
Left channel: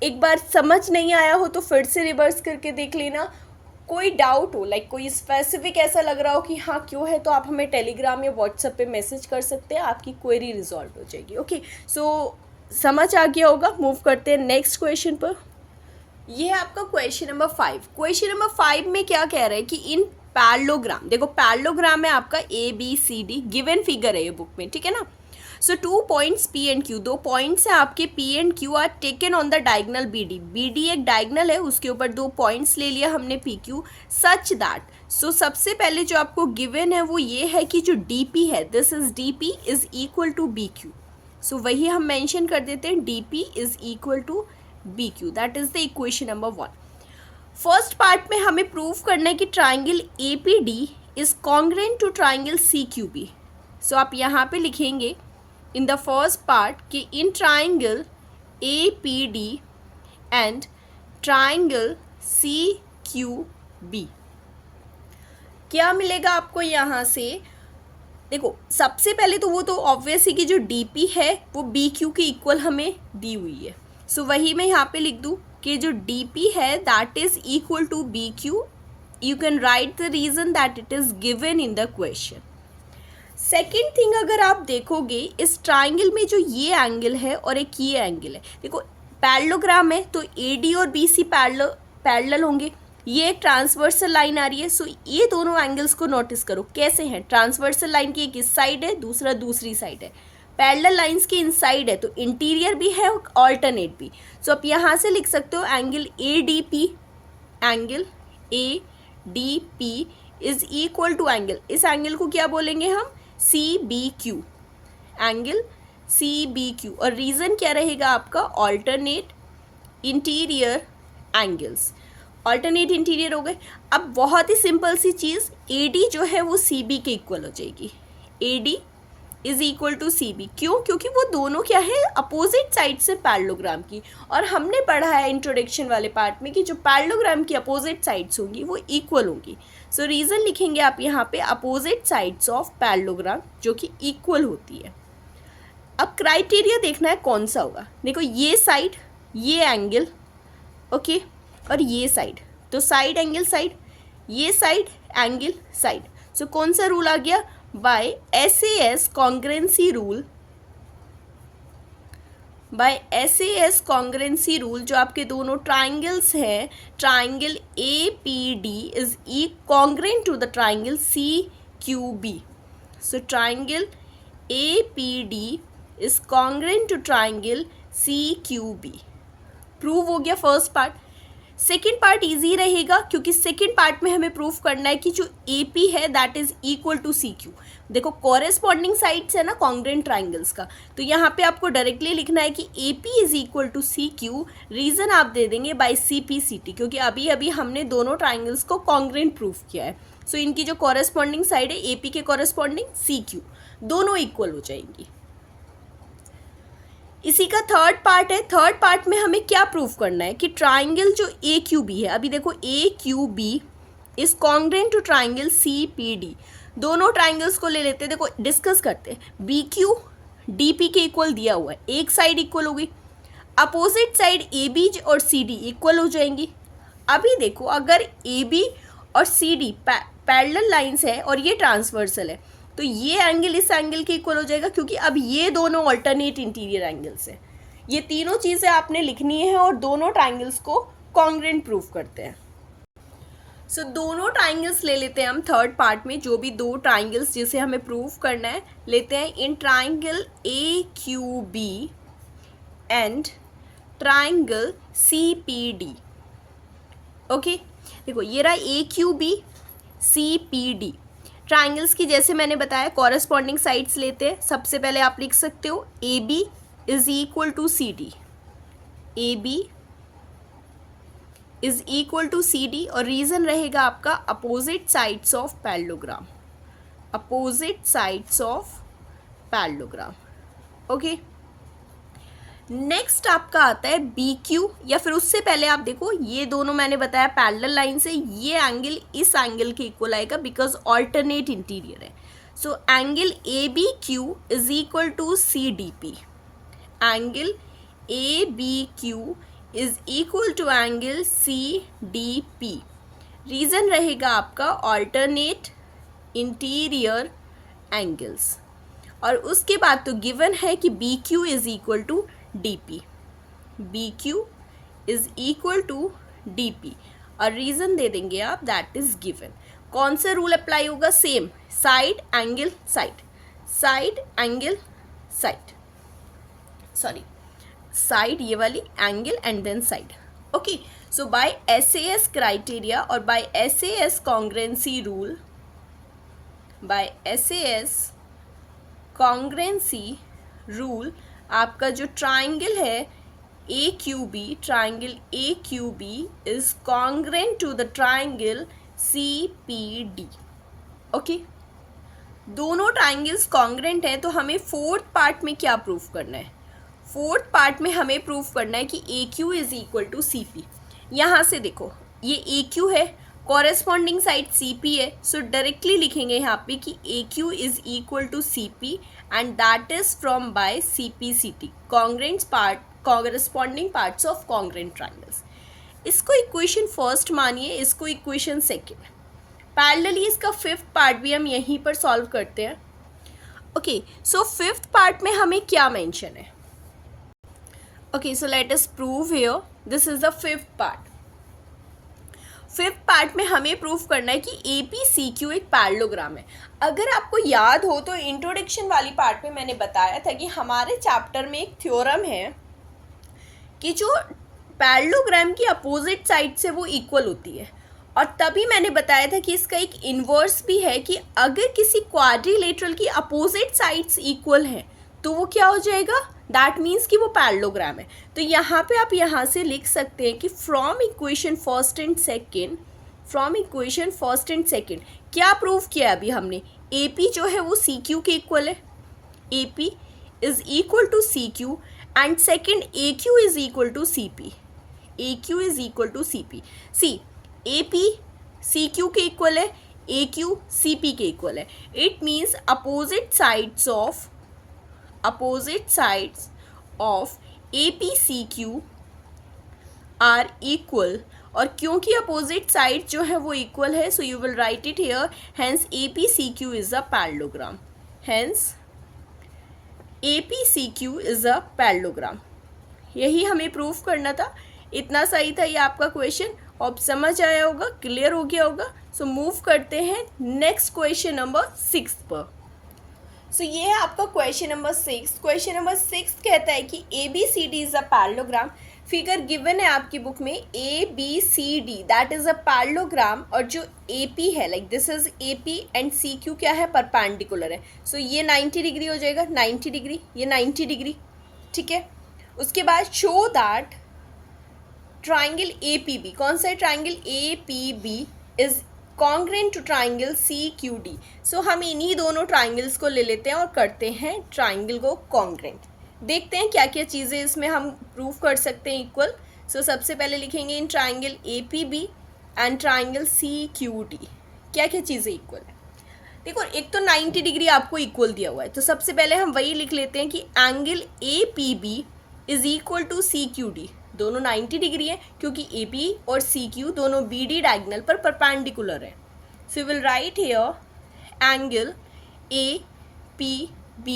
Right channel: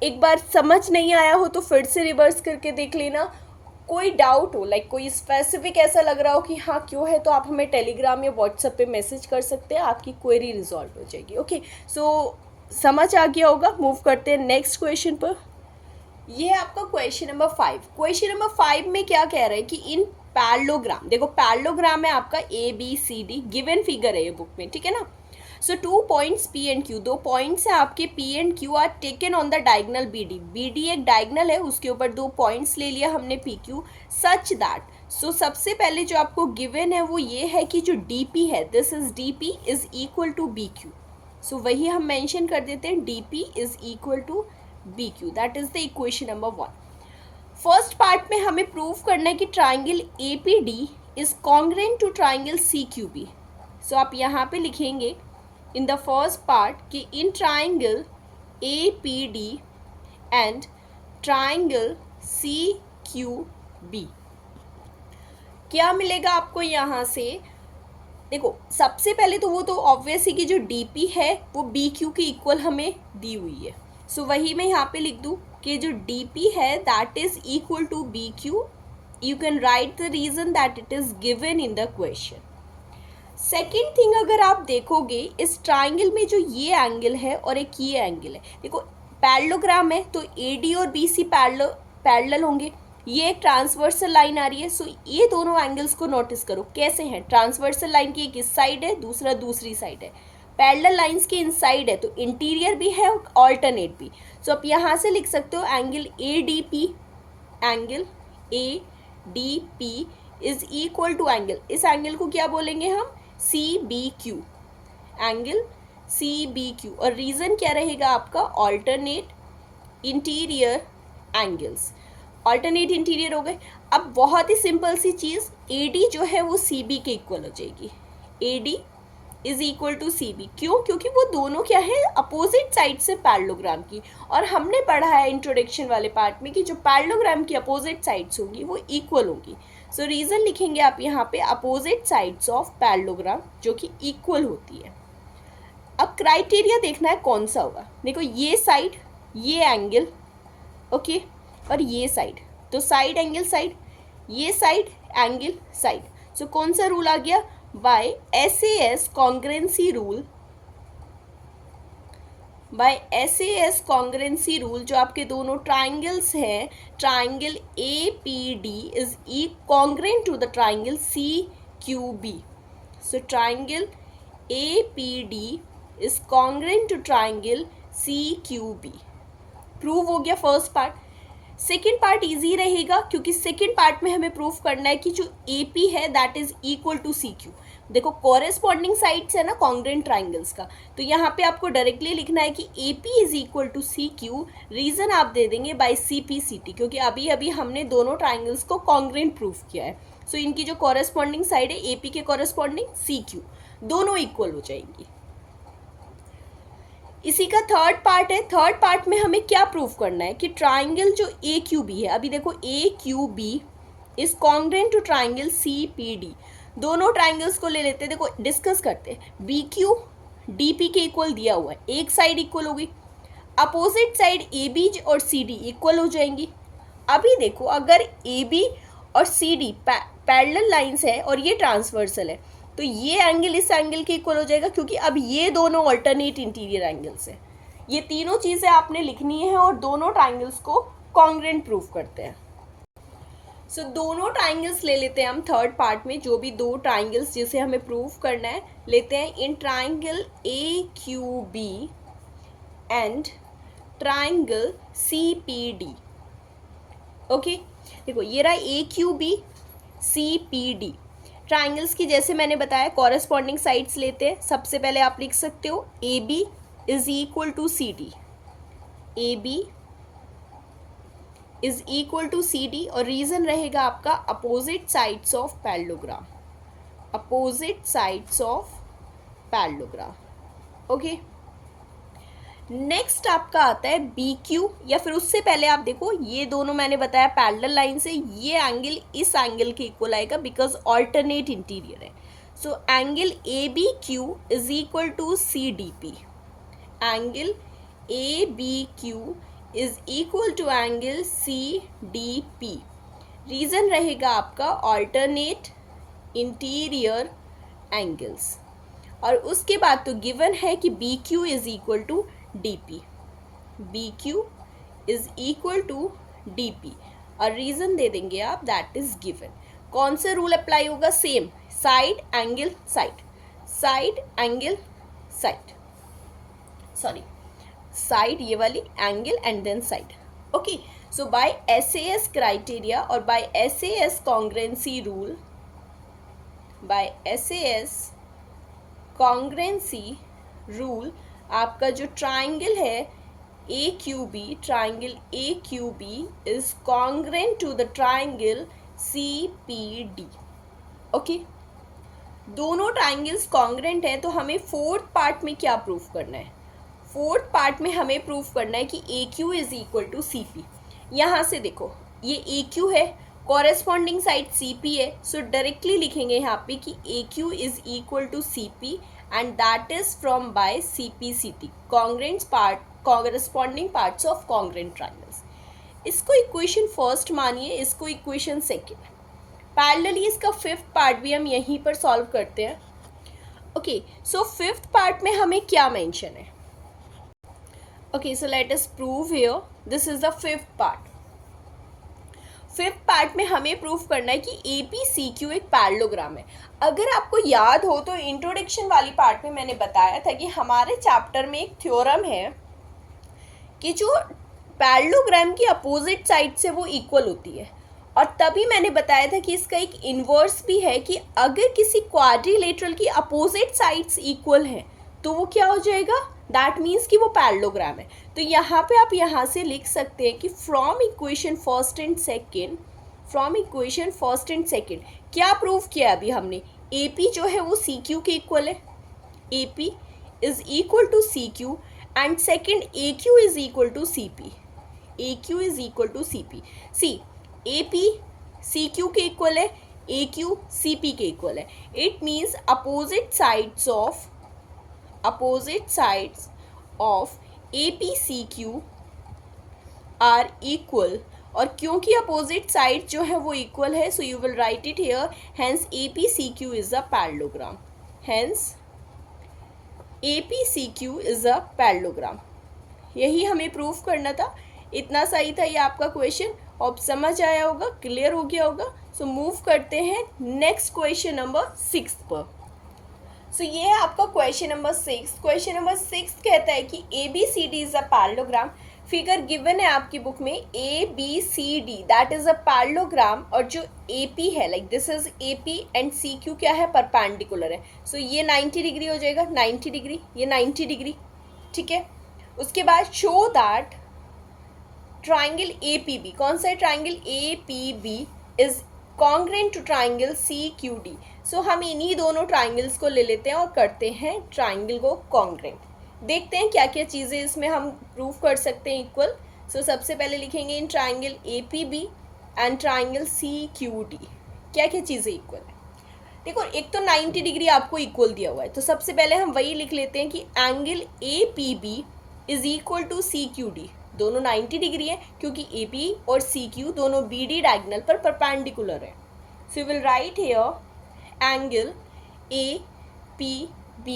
एक बार समझ नहीं आया हो तो फिर से रिवर्स करके देख लेना। कोई डाउट हो, लाइक कोई स्पेसिफिक ऐसा लग रहा हो कि हाँ क्यों है, तो आप हमें टेलीग्राम या व्हाट्सएप पे मैसेज कर सकते हैं, आपकी क्वेरी रिजॉल्व हो जाएगी। ओके, सो समझ आ गया होगा। मूव करते हैं नेक्स्ट क्वेश्चन पर। ये है आपका क्वेश्चन नंबर 5। क्वेश्चन नंबर 5 में क्या कह रहा है कि इन पैरेललोग्राम, देखो पैरेललोग्राम है आपका A B C D, given figure है ये बुक में, ठीक है ना। So 2 points P and Q, 2 points हैं आपके P and Q are taken on the diagonal B D. B D एक डायगोनल है, उसके ऊपर 2 पॉइंट्स ले लिया हमने P Q, such that. So सबसे पहले जो आपको गिवन है वो ये है कि जो डी पी है, this is D P is equal to B Q. So वही हम मेंशन कर देते हैं, D P is equal to B Q, that is the equation number 1। First part में हमें प्रूव करना है कि triangle A P D is congruent to triangle C Q B. So आप यहाँ पे लिखेंगे इन द फर्स्ट पार्ट कि in triangle A P D and triangle C Q B. क्या मिलेगा आपको यहाँ से? देखो, सबसे पहले तो वो तो ऑब्वियस है कि जो डी पी है वो बी क्यू के इक्वल हमें दी हुई है. सो वही मैं यहाँ पे लिख दूँ कि जो डी पी है that is equal to B Q. You can write the reason that it is given in the question. Second thing, अगर आप देखोगे इस ट्राइंगल में जो ये एंगल है और एक ये एंगल है, देखो पैरेललोग्राम है तो ए डी और बी सी पैरेलल होंगे. ये एक ट्रांसवर्सल लाइन आ रही है. सो ये दोनों एंगल्स को नोटिस करो कैसे हैं. ट्रांसवर्सल लाइन की एक इस साइड है, दूसरा दूसरी साइड है. पैरेलल लाइंस के इनसाइड है तो इंटीरियर भी है और ऑल्टरनेट भी. सो आप यहाँ से लिख सकते हो angle A D P, angle A D P is equal to angle, इस एंगल को क्या बोलेंगे हम? C B Q, angle C B Q. और रीजन क्या रहेगा आपका? Alternate interior angles. Alternate interior हो गए. अब बहुत ही simple C cheese, A D जो है वो सी बी के इक्वल हो जाएगी. A D is equal to C B. क्यों? क्योंकि वो दोनों क्या है? अपोजिट साइड से पैरेललोग्राम की. और हमने पढ़ा है इंट्रोडक्शन वाले पार्ट में कि जो पैरेललोग्राम की अपोजिट साइड्स होंगी वो इक्वल होंगी. सो रीज़न लिखेंगे आप यहाँ पे अपोजिट साइड्स ऑफ पैरेललोग्राम जो कि इक्वल होती है. अब क्राइटेरिया देखना है कौन सा होगा. देखो ये साइड, ये एंगल, ओके, और ये साइड, तो साइड एंगल साइड, ये साइड एंगल साइड. सो कौन सा रूल आ गया? By SAS congruency rule. By SAS congruency rule जो आपके दोनों ट्राइंगल्स हैं, triangle A P D is uh congruent to the triangle C Q B. So triangle A P D is congruent to triangle C Q B. Prove हो गया first part. Second part easy रहेगा क्योंकि second part में हमें proof करना है कि जो ए पी है that is equal to C Q. देखो कॉरेस्पॉन्डिंग साइड्स है ना कॉन्ग्रेंट ट्राइंगल्स का, तो यहाँ पे आपको डायरेक्टली लिखना है कि A P is equal to C Q. Reason आप दे देंगे by C P C T, क्योंकि अभी अभी हमने दोनों ट्राइंगल्स को कॉन्ग्रेंट प्रूफ किया है. सो इनकी जो कॉरेस्पॉन्डिंग साइड है ए पी के कॉरेस्पॉन्डिंग सी क्यू, दोनों इक्वल हो जाएंगी. इसी का थर्ड पार्ट है. थर्ड पार्ट में हमें क्या प्रूफ करना है कि ट्राइंगल जो ए क्यू बी है, अभी देखो A Q B is congruent to triangle C P D. दोनों ट्राइंगल्स को ले लेते हैं, देखो डिस्कस करते हैं. बी क्यू डी पी के इक्वल दिया हुआ है, एक साइड इक्वल होगी, अपोजिट साइड ए बी और सी डी इक्वल हो जाएंगी. अभी देखो अगर ए बी और सी डी पैरेलल लाइंस है और ये ट्रांसवर्सल है तो ये एंगल इस एंगल के इक्वल हो जाएगा, क्योंकि अब ये दोनों अल्टरनेट इंटीरियर एंगल्स हैं. ये तीनों चीज़ें आपने लिखनी है और दोनों ट्राइंगल्स को कॉन्ग्रेंट प्रूफ करते हैं. सो दोनों ट्राइंगल्स ले लेते हैं हम थर्ड पार्ट में. जो भी दो ट्राइंगल्स जिसे हमें प्रूफ करना है लेते हैं. In triangle A Q B and triangle C P D. Okay, देखो ये रहा A Q B C P D. Triangles की जैसे मैंने बताया कॉरेस्पॉन्डिंग साइड्स लेते हैं. सबसे पहले आप लिख सकते हो A B is equal to C D. A B is equal to C D और रीजन रहेगा आपका opposite sides of parallelogram. Opposite sides of parallelogram. Okay, next आपका आता है बी क्यू, या फिर उससे पहले आप देखो ये दोनों मैंने बताया पैरेलल लाइन से, ये एंगल इस एंगल के इक्वल आएगा बिकॉज ऑल्टरनेट इंटीरियर है. So angle A B Q is equal to C D P. Angle A B Q is equal to angle C D P. Reason रहेगा आपका alternate interior angles. और उसके बाद तो given है कि B Q is equal to D P. B Q is equal to D P और reason दे देंगे आप दैट इज गिवन. कौन सा रूल अप्लाई होगा? Same, side angle side, side angle side, sorry side ये वाली angle and then side. Okay, so by SAS criteria और by SAS congruency rule, by SAS congruency rule आपका जो triangle है AQB, triangle AQB is congruent to the triangle CPD. Okay, दोनों triangles congruent है, तो हमें फोर्थ पार्ट में क्या प्रूफ करना है? फोर्थ पार्ट में हमें प्रूफ करना है कि AQ is equal to CP. यहाँ से देखो, ये AQ है, कॉरेस्पॉन्डिंग साइड CP है, सो डायरेक्टली लिखेंगे यहाँ पे कि AQ is equal to CP and that is from by CPCT, congruent part, corresponding parts of congruent triangles. इसको इक्वेशन फर्स्ट मानिए, इसको इक्वेशन सेकेंड. पैरेलली इसका फिफ्थ पार्ट भी हम यहीं पर सॉल्व करते हैं. ओके, सो फिफ्थ पार्ट में हमें क्या मेंशन है? Okay, so let us prove here, this is the fifth part. Fifth part में हमें प्रूव करना है कि APCQ एक पैरेललोग्राम है. अगर आपको याद हो तो इंट्रोडक्शन वाली पार्ट में मैंने बताया था कि हमारे चैप्टर में एक थ्योरम है कि जो पैरेललोग्राम की अपोजिट साइड से वो इक्वल होती है, और तभी मैंने बताया था कि इसका एक इन्वर्स भी है कि अगर किसी क्वाड्रिलेटरल की अपोजिट साइड्स इक्वल हैं तो वो क्या हो जाएगा? दैट मीन्स कि वो पैरेललोग्राम है. तो यहाँ पे आप यहाँ से लिख सकते हैं कि from equation first and second क्या प्रूव किया अभी हमने? AP जो है वो CQ के इक्वल है, AP is equal to CQ, and second AQ is equal to CP, AQ is equal to CP. See, AP CQ के इक्वल है, AQ CP के इक्वल है. It means opposite sides of APCQ are equal. और क्योंकि opposite side जो है वो equal है, so you will write it here, hence APCQ is a parallelogram. APCQ is a parallelogram. यही हमें प्रूफ करना था. इतना सही था ये आपका क्वेश्चन, अब समझ आया होगा, क्लियर हो गया होगा. सो मूव करते हैं नेक्स्ट क्वेश्चन नंबर 6 पर. सो ये है आपका क्वेश्चन नंबर 6. क्वेश्चन नंबर 6 कहता है कि ABCD is a parallelogram. Figure given है आपकी बुक में ABCD, that is a parallelogram. और जो AP है, like this is AP and CQ क्या है? परपेंडिकुलर है. सो ये 90 डिग्री हो जाएगा, 90 डिग्री, ये 90 डिग्री. ठीक है, उसके बाद शो दैट ट्राइंगल APB, कौन सा है? Triangle APB is congruent to triangle CQD. So हम इन्हीं दोनों ट्राइंगल्स को ले लेते हैं और करते हैं ट्राइंगल को कॉन्ग्रेंट. देखते हैं क्या क्या चीज़ें इसमें हम प्रूव कर सकते हैं इक्वल. सो सबसे पहले लिखेंगे in triangle APB and triangle CQD क्या क्या चीज़ें इक्वल है. देखो, एक तो 90 डिग्री आपको इक्वल दिया हुआ है, तो सबसे पहले हम वही लिख लेते हैं कि angle APB is equal to CQD. दोनों 90 डिग्री है क्योंकि AP और CQ दोनों BD डायगोनल पर परपेंडिकुलर है. So will write here angle APB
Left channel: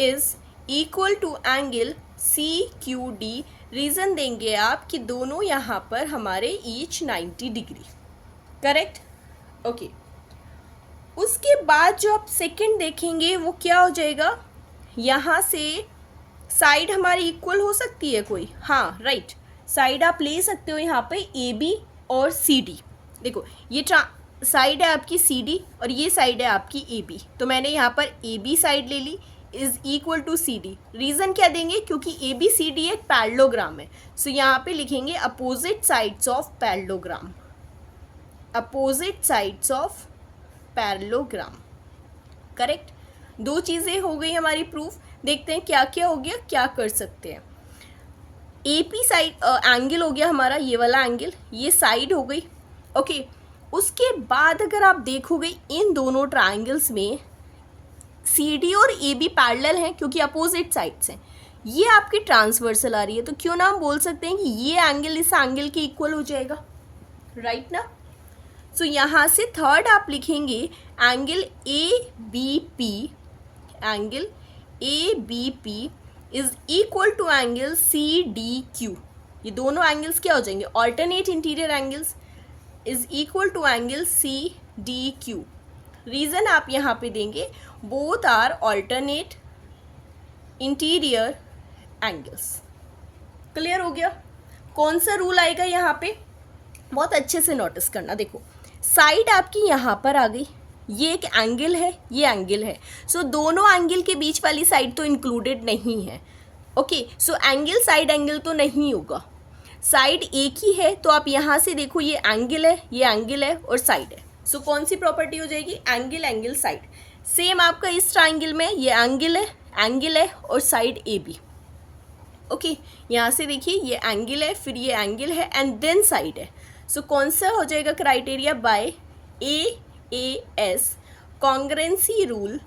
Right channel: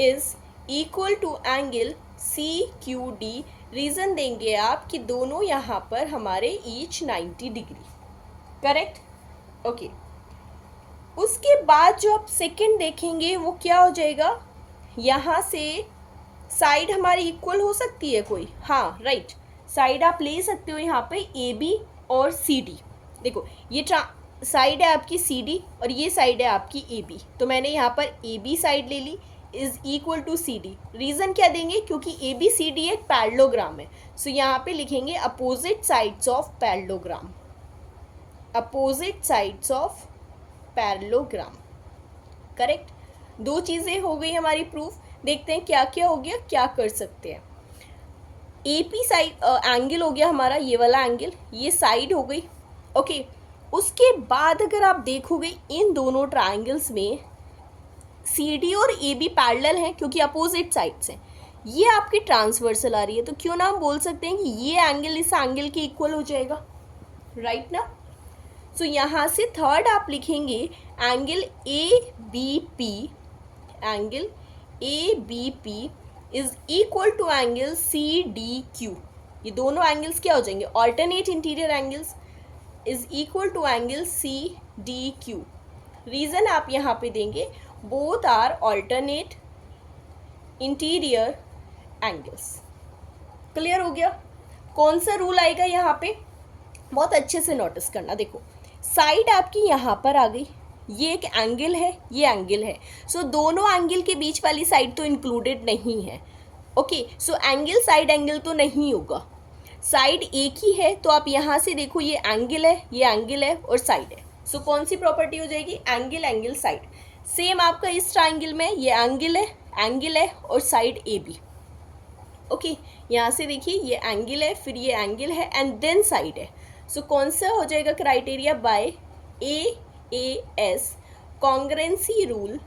is equal to angle CQD. Reason देंगे आप कि दोनों यहाँ पर हमारे ईच 90 डिग्री. करेक्ट? ओके. उसके बाद जो आप सेकंड देखेंगे वो क्या हो जाएगा? यहाँ से साइड हमारी इक्वल हो सकती है कोई? हाँ, राइट. साइड आप ले सकते हो यहाँ पे AB और CD. देखो, ये साइड है आपकी CD और ये साइड है आपकी AB. तो मैंने यहाँ पर AB साइड ले ली, is equal to CD. Reason क्या देंगे? क्योंकि ABCD एक पैरेललोग्राम है. सो यहाँ पे लिखेंगे opposite sides of parallelogram, opposite sides of parallelogram. Correct? दो चीज़ें हो गई हमारी प्रूफ. देखते हैं क्या क्या हो गया, क्या कर सकते हैं. AP साइड एंगल हो गया हमारा, ये वाला एंगल, ये साइड हो गई. ओके. उसके बाद अगर आप देखोगे इन दोनों ट्राइंगल्स में CD और AB पैरेलल हैं क्योंकि अपोजिट साइड्स हैं. ये आपकी ट्रांसवर्सल आ रही है, तो क्यों ना हम बोल सकते हैं कि ये एंगल इस एंगल के इक्वल हो जाएगा. राइट ना? सो यहाँ से थर्ड आप लिखेंगे angle ABP, angle ABP is equal to angle CDQ. ये दोनों एंगल्स क्या हो जाएंगे? Alternate interior angles. Is equal to angle CDQ. Reason आप यहाँ पे देंगे both are alternate interior angles. Clear हो गया? कौन सा रूल आएगा यहाँ पे? बहुत अच्छे से नोटिस करना. देखो, साइड आपकी यहाँ पर आ गई, ये एक एंगल है, ये एंगल है. सो दोनों एंगल के बीच वाली साइड तो इंक्लूडेड नहीं है. Okay, so angle side angle तो नहीं होगा, साइड एक ही है, तो आप यहाँ से देखो ये एंगल है, ये एंगल है और साइड है। सो कौन सी प्रॉपर्टी हो जाएगी, एंगल एंगल साइड। सेम आपका इस ट्राइंगल में ये एंगल है और साइड ए बी। ओके, यहाँ से देखिए ये एंगल है, फिर ये एंगल है एंड देन साइड है। सो कौन सा हो जाएगा criteria, by AAS congruency rule,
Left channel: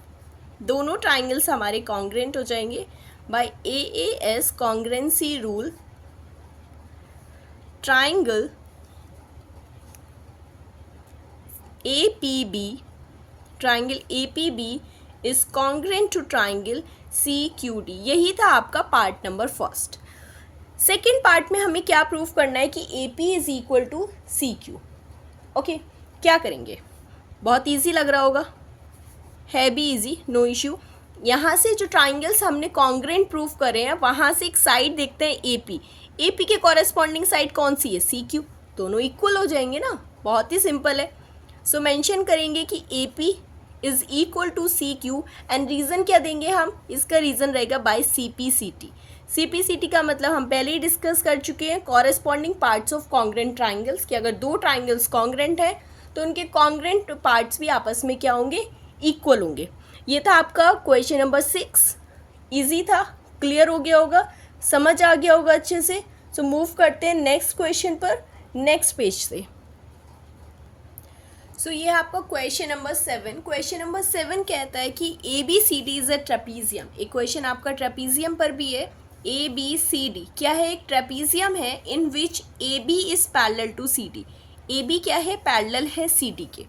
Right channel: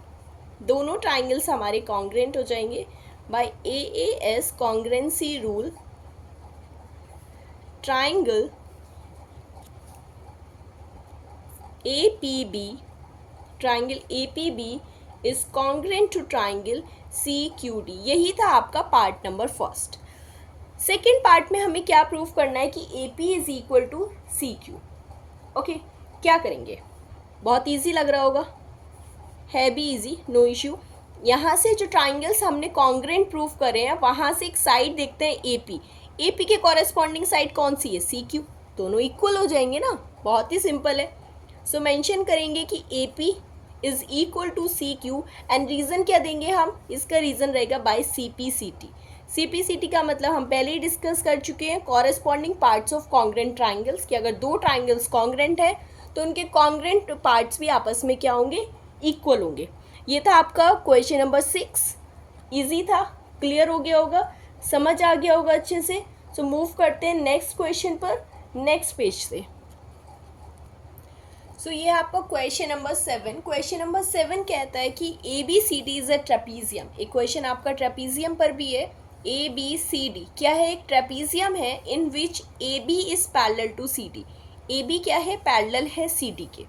दोनों ट्राइंगल्स हमारे कॉन्ग्रेंट हो जाएंगे by AAS congruency rule, triangle APB, triangle APB is congruent to triangle CQD। यही था आपका part number first. Second part में हमें क्या प्रूव करना है कि AP is equal to CQ। Okay, क्या करेंगे, बहुत इजी लग रहा होगा, है भी इजी, नो इश्यू। यहाँ से जो ट्राइंगल्स हमने कॉन्ग्रेंट प्रूव करे हैं, वहाँ से एक साइड देखते हैं AP के कॉरेस्पॉन्डिंग साइड कौन सी है, CQ, दोनों इक्वल हो जाएंगे ना, बहुत ही सिंपल है। सो मेंशन करेंगे कि AP is equal to CQ and reason क्या देंगे हम, इसका रीज़न रहेगा बाय CPCT का मतलब हम पहले ही डिस्कस कर चुके हैं, corresponding parts of congruent triangles, कि अगर दो ट्राइंगल्स कॉन्ग्रेंट है तो उनके कॉन्ग्रेंट पार्ट्स भी आपस में क्या होंगे, इक्वल होंगे। ये था आपका क्वेश्चन नंबर 6, इजी था, क्लियर हो गया होगा, समझ आ गया होगा अच्छे से। सो मूव करते हैं नेक्स्ट क्वेश्चन पर, नेक्स्ट पेज से। सो ये आपका क्वेश्चन नंबर 7। क्वेश्चन नंबर 7 कहता है कि ABCD इज अ ट्रेपीजियम। एक क्वेश्चन आपका ट्रेपीजियम पर भी है, ABCD क्या है, एक ट्रेपीजियम है in which AB is parallel to CD। AB क्या है, पैरेलल है CD के,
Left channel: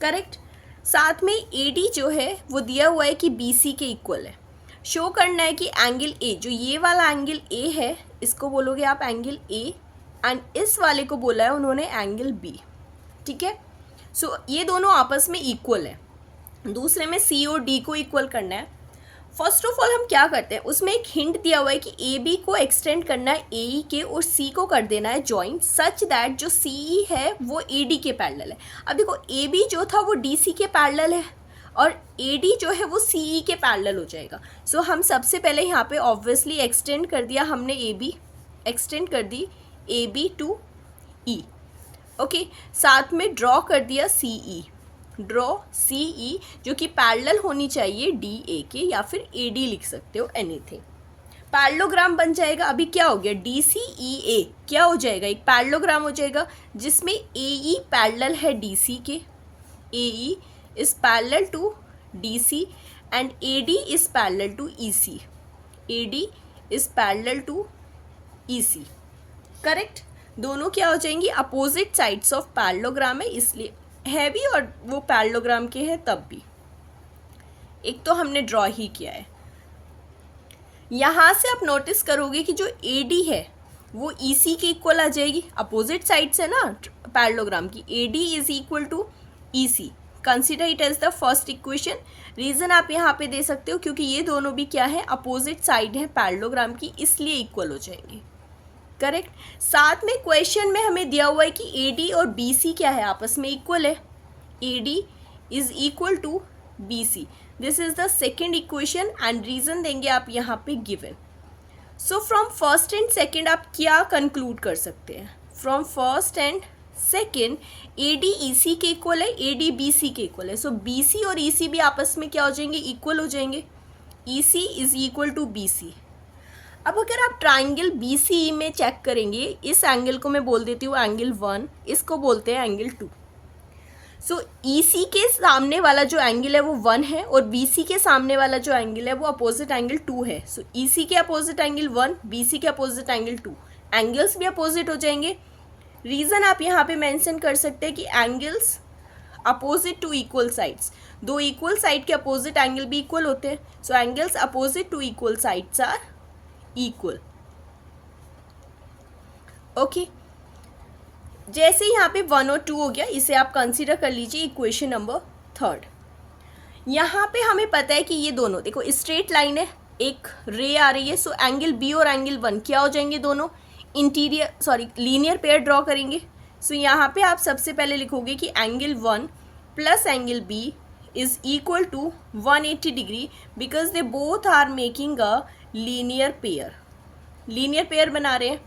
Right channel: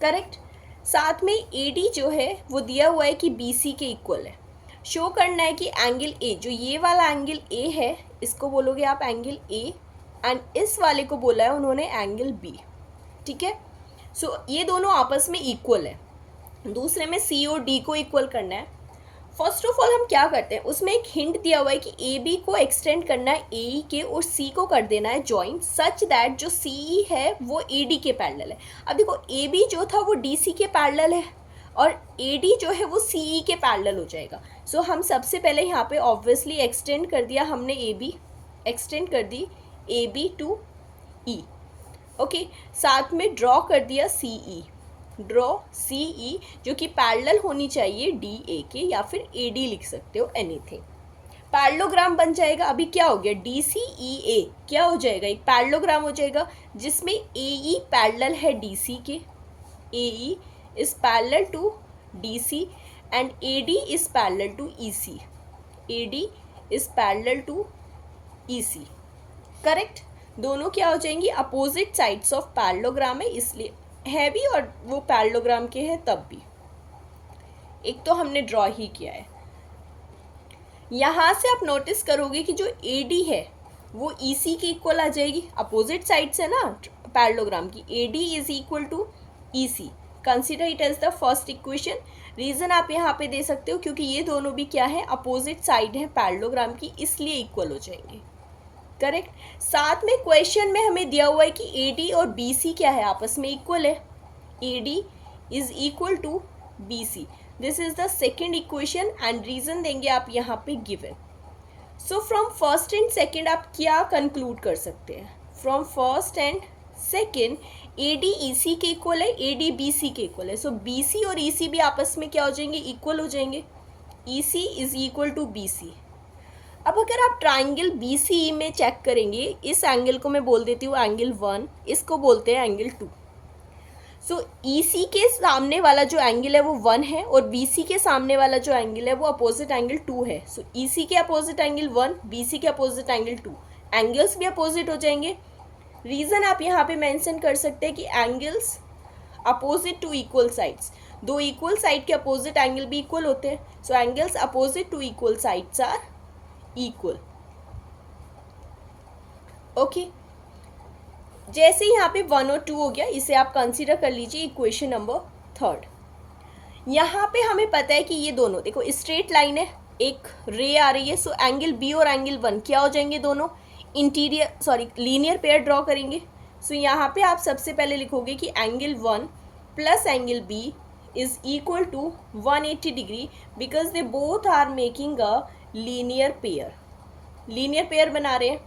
करेक्ट। साथ में AD जो है वो दिया हुआ है कि BC के इक्वल है। शो करना है कि एंगल A, जो ये वाला एंगल A है, इसको बोलोगे आप एंगल A, एंड इस वाले को बोला है उन्होंने एंगल B, ठीक है। सो ये दोनों आपस में इक्वल है। दूसरे में C और D को इक्वल करना है। फर्स्ट ऑफ ऑल हम क्या करते हैं, उसमें एक हिंट दिया हुआ है कि AB को एक्सटेंड करना है AE के और C को कर देना है जॉइंट, सच दैट जो CE है वो AD के पैरेलल है। अब देखो AB जो था वो DC के पैरेलल है और AD जो है वो CE के पैरेलल हो जाएगा। सो हम सबसे पहले यहाँ पे ऑब्वियसली एक्सटेंड कर दिया हमने AB, एक्सटेंड कर दी AB टू E, ओके। साथ में ड्रॉ कर दिया CE, ड्रॉ CE जो कि पैरेलल होनी चाहिए DA के, या फिर AD लिख सकते हो, एनीथिंग। पैरेललोग्राम बन जाएगा। अभी क्या हो गया, DCEA क्या हो जाएगा, एक पैरेललोग्राम हो जाएगा जिसमें AE पैरेलल है DC के, AE is parallel to DC and AD is parallel to EC, AD is parallel to EC, correct. दोनों क्या हो जाएंगी, अपोजिट साइड्स ऑफ पैरेललोग्राम है, इसलिए है भी और वो पैरेललोग्राम के हैं तब भी। एक तो हमने ड्रॉ ही किया है। यहाँ से आप नोटिस करोगे कि जो AD है वो EC के इक्वल आ जाएगी, अपोजिट साइड्स है ना पैरेललोग्राम की। AD is equal to EC, consider it as the first equation. Reason आप यहाँ पे दे सकते हो क्योंकि ये दोनों भी क्या है, अपोजिट साइड है पैरेललोग्राम की, इसलिए इक्वल हो जाएंगे, करेक्ट। साथ में क्वेश्चन में हमें दिया हुआ है कि AD और BC क्या है, आपस में इक्वल है, AD is equal to BC। This is the second equation and reason देंगे आप यहाँ पे given. So from first and second आप क्या कंक्लूड कर सकते हैं, from first and second AD EC के इक्वल है, AD BC के इक्वल है। सो BC और EC भी आपस में क्या हो जाएंगे, इक्वल हो जाएंगे, EC is equal to BC। अब अगर आप ट्राइंगल BCE में चेक करेंगे, इस एंगल को मैं बोल देती हूँ एंगल 1, इसको बोलते हैं एंगल 2। सो EC के सामने वाला जो एंगल है वो 1 है और BC के सामने वाला जो एंगल है वो अपोजिट एंगल 2 है। सो EC के अपोजिट एंगल 1, BC के अपोजिट एंगल 2, एंगल्स भी अपोजिट हो जाएंगे। रीज़न आप यहाँ पे मेंशन कर सकते हैं कि angles opposite to equal sides, दो इक्वल साइड के अपोजिट एंगल भी इक्वल होते हैं। So angles opposite to equal sides are equal, okay. जैसे यहाँ पे 1 और 2 हो गया, इसे आप कंसीडर कर लीजिए इक्वेशन नंबर 3। यहाँ पे हमें पता है कि ये दोनों देखो स्ट्रेट लाइन है, एक रे आ रही है। सो एंगल B और एंगल 1 क्या हो जाएंगे, दोनों लीनियर पेयर ड्रॉ करेंगे। सो यहाँ पे आप सबसे पहले लिखोगे कि angle 1 plus angle B is equal to 180 degree because they both are making a linear pair बना रहे हैं।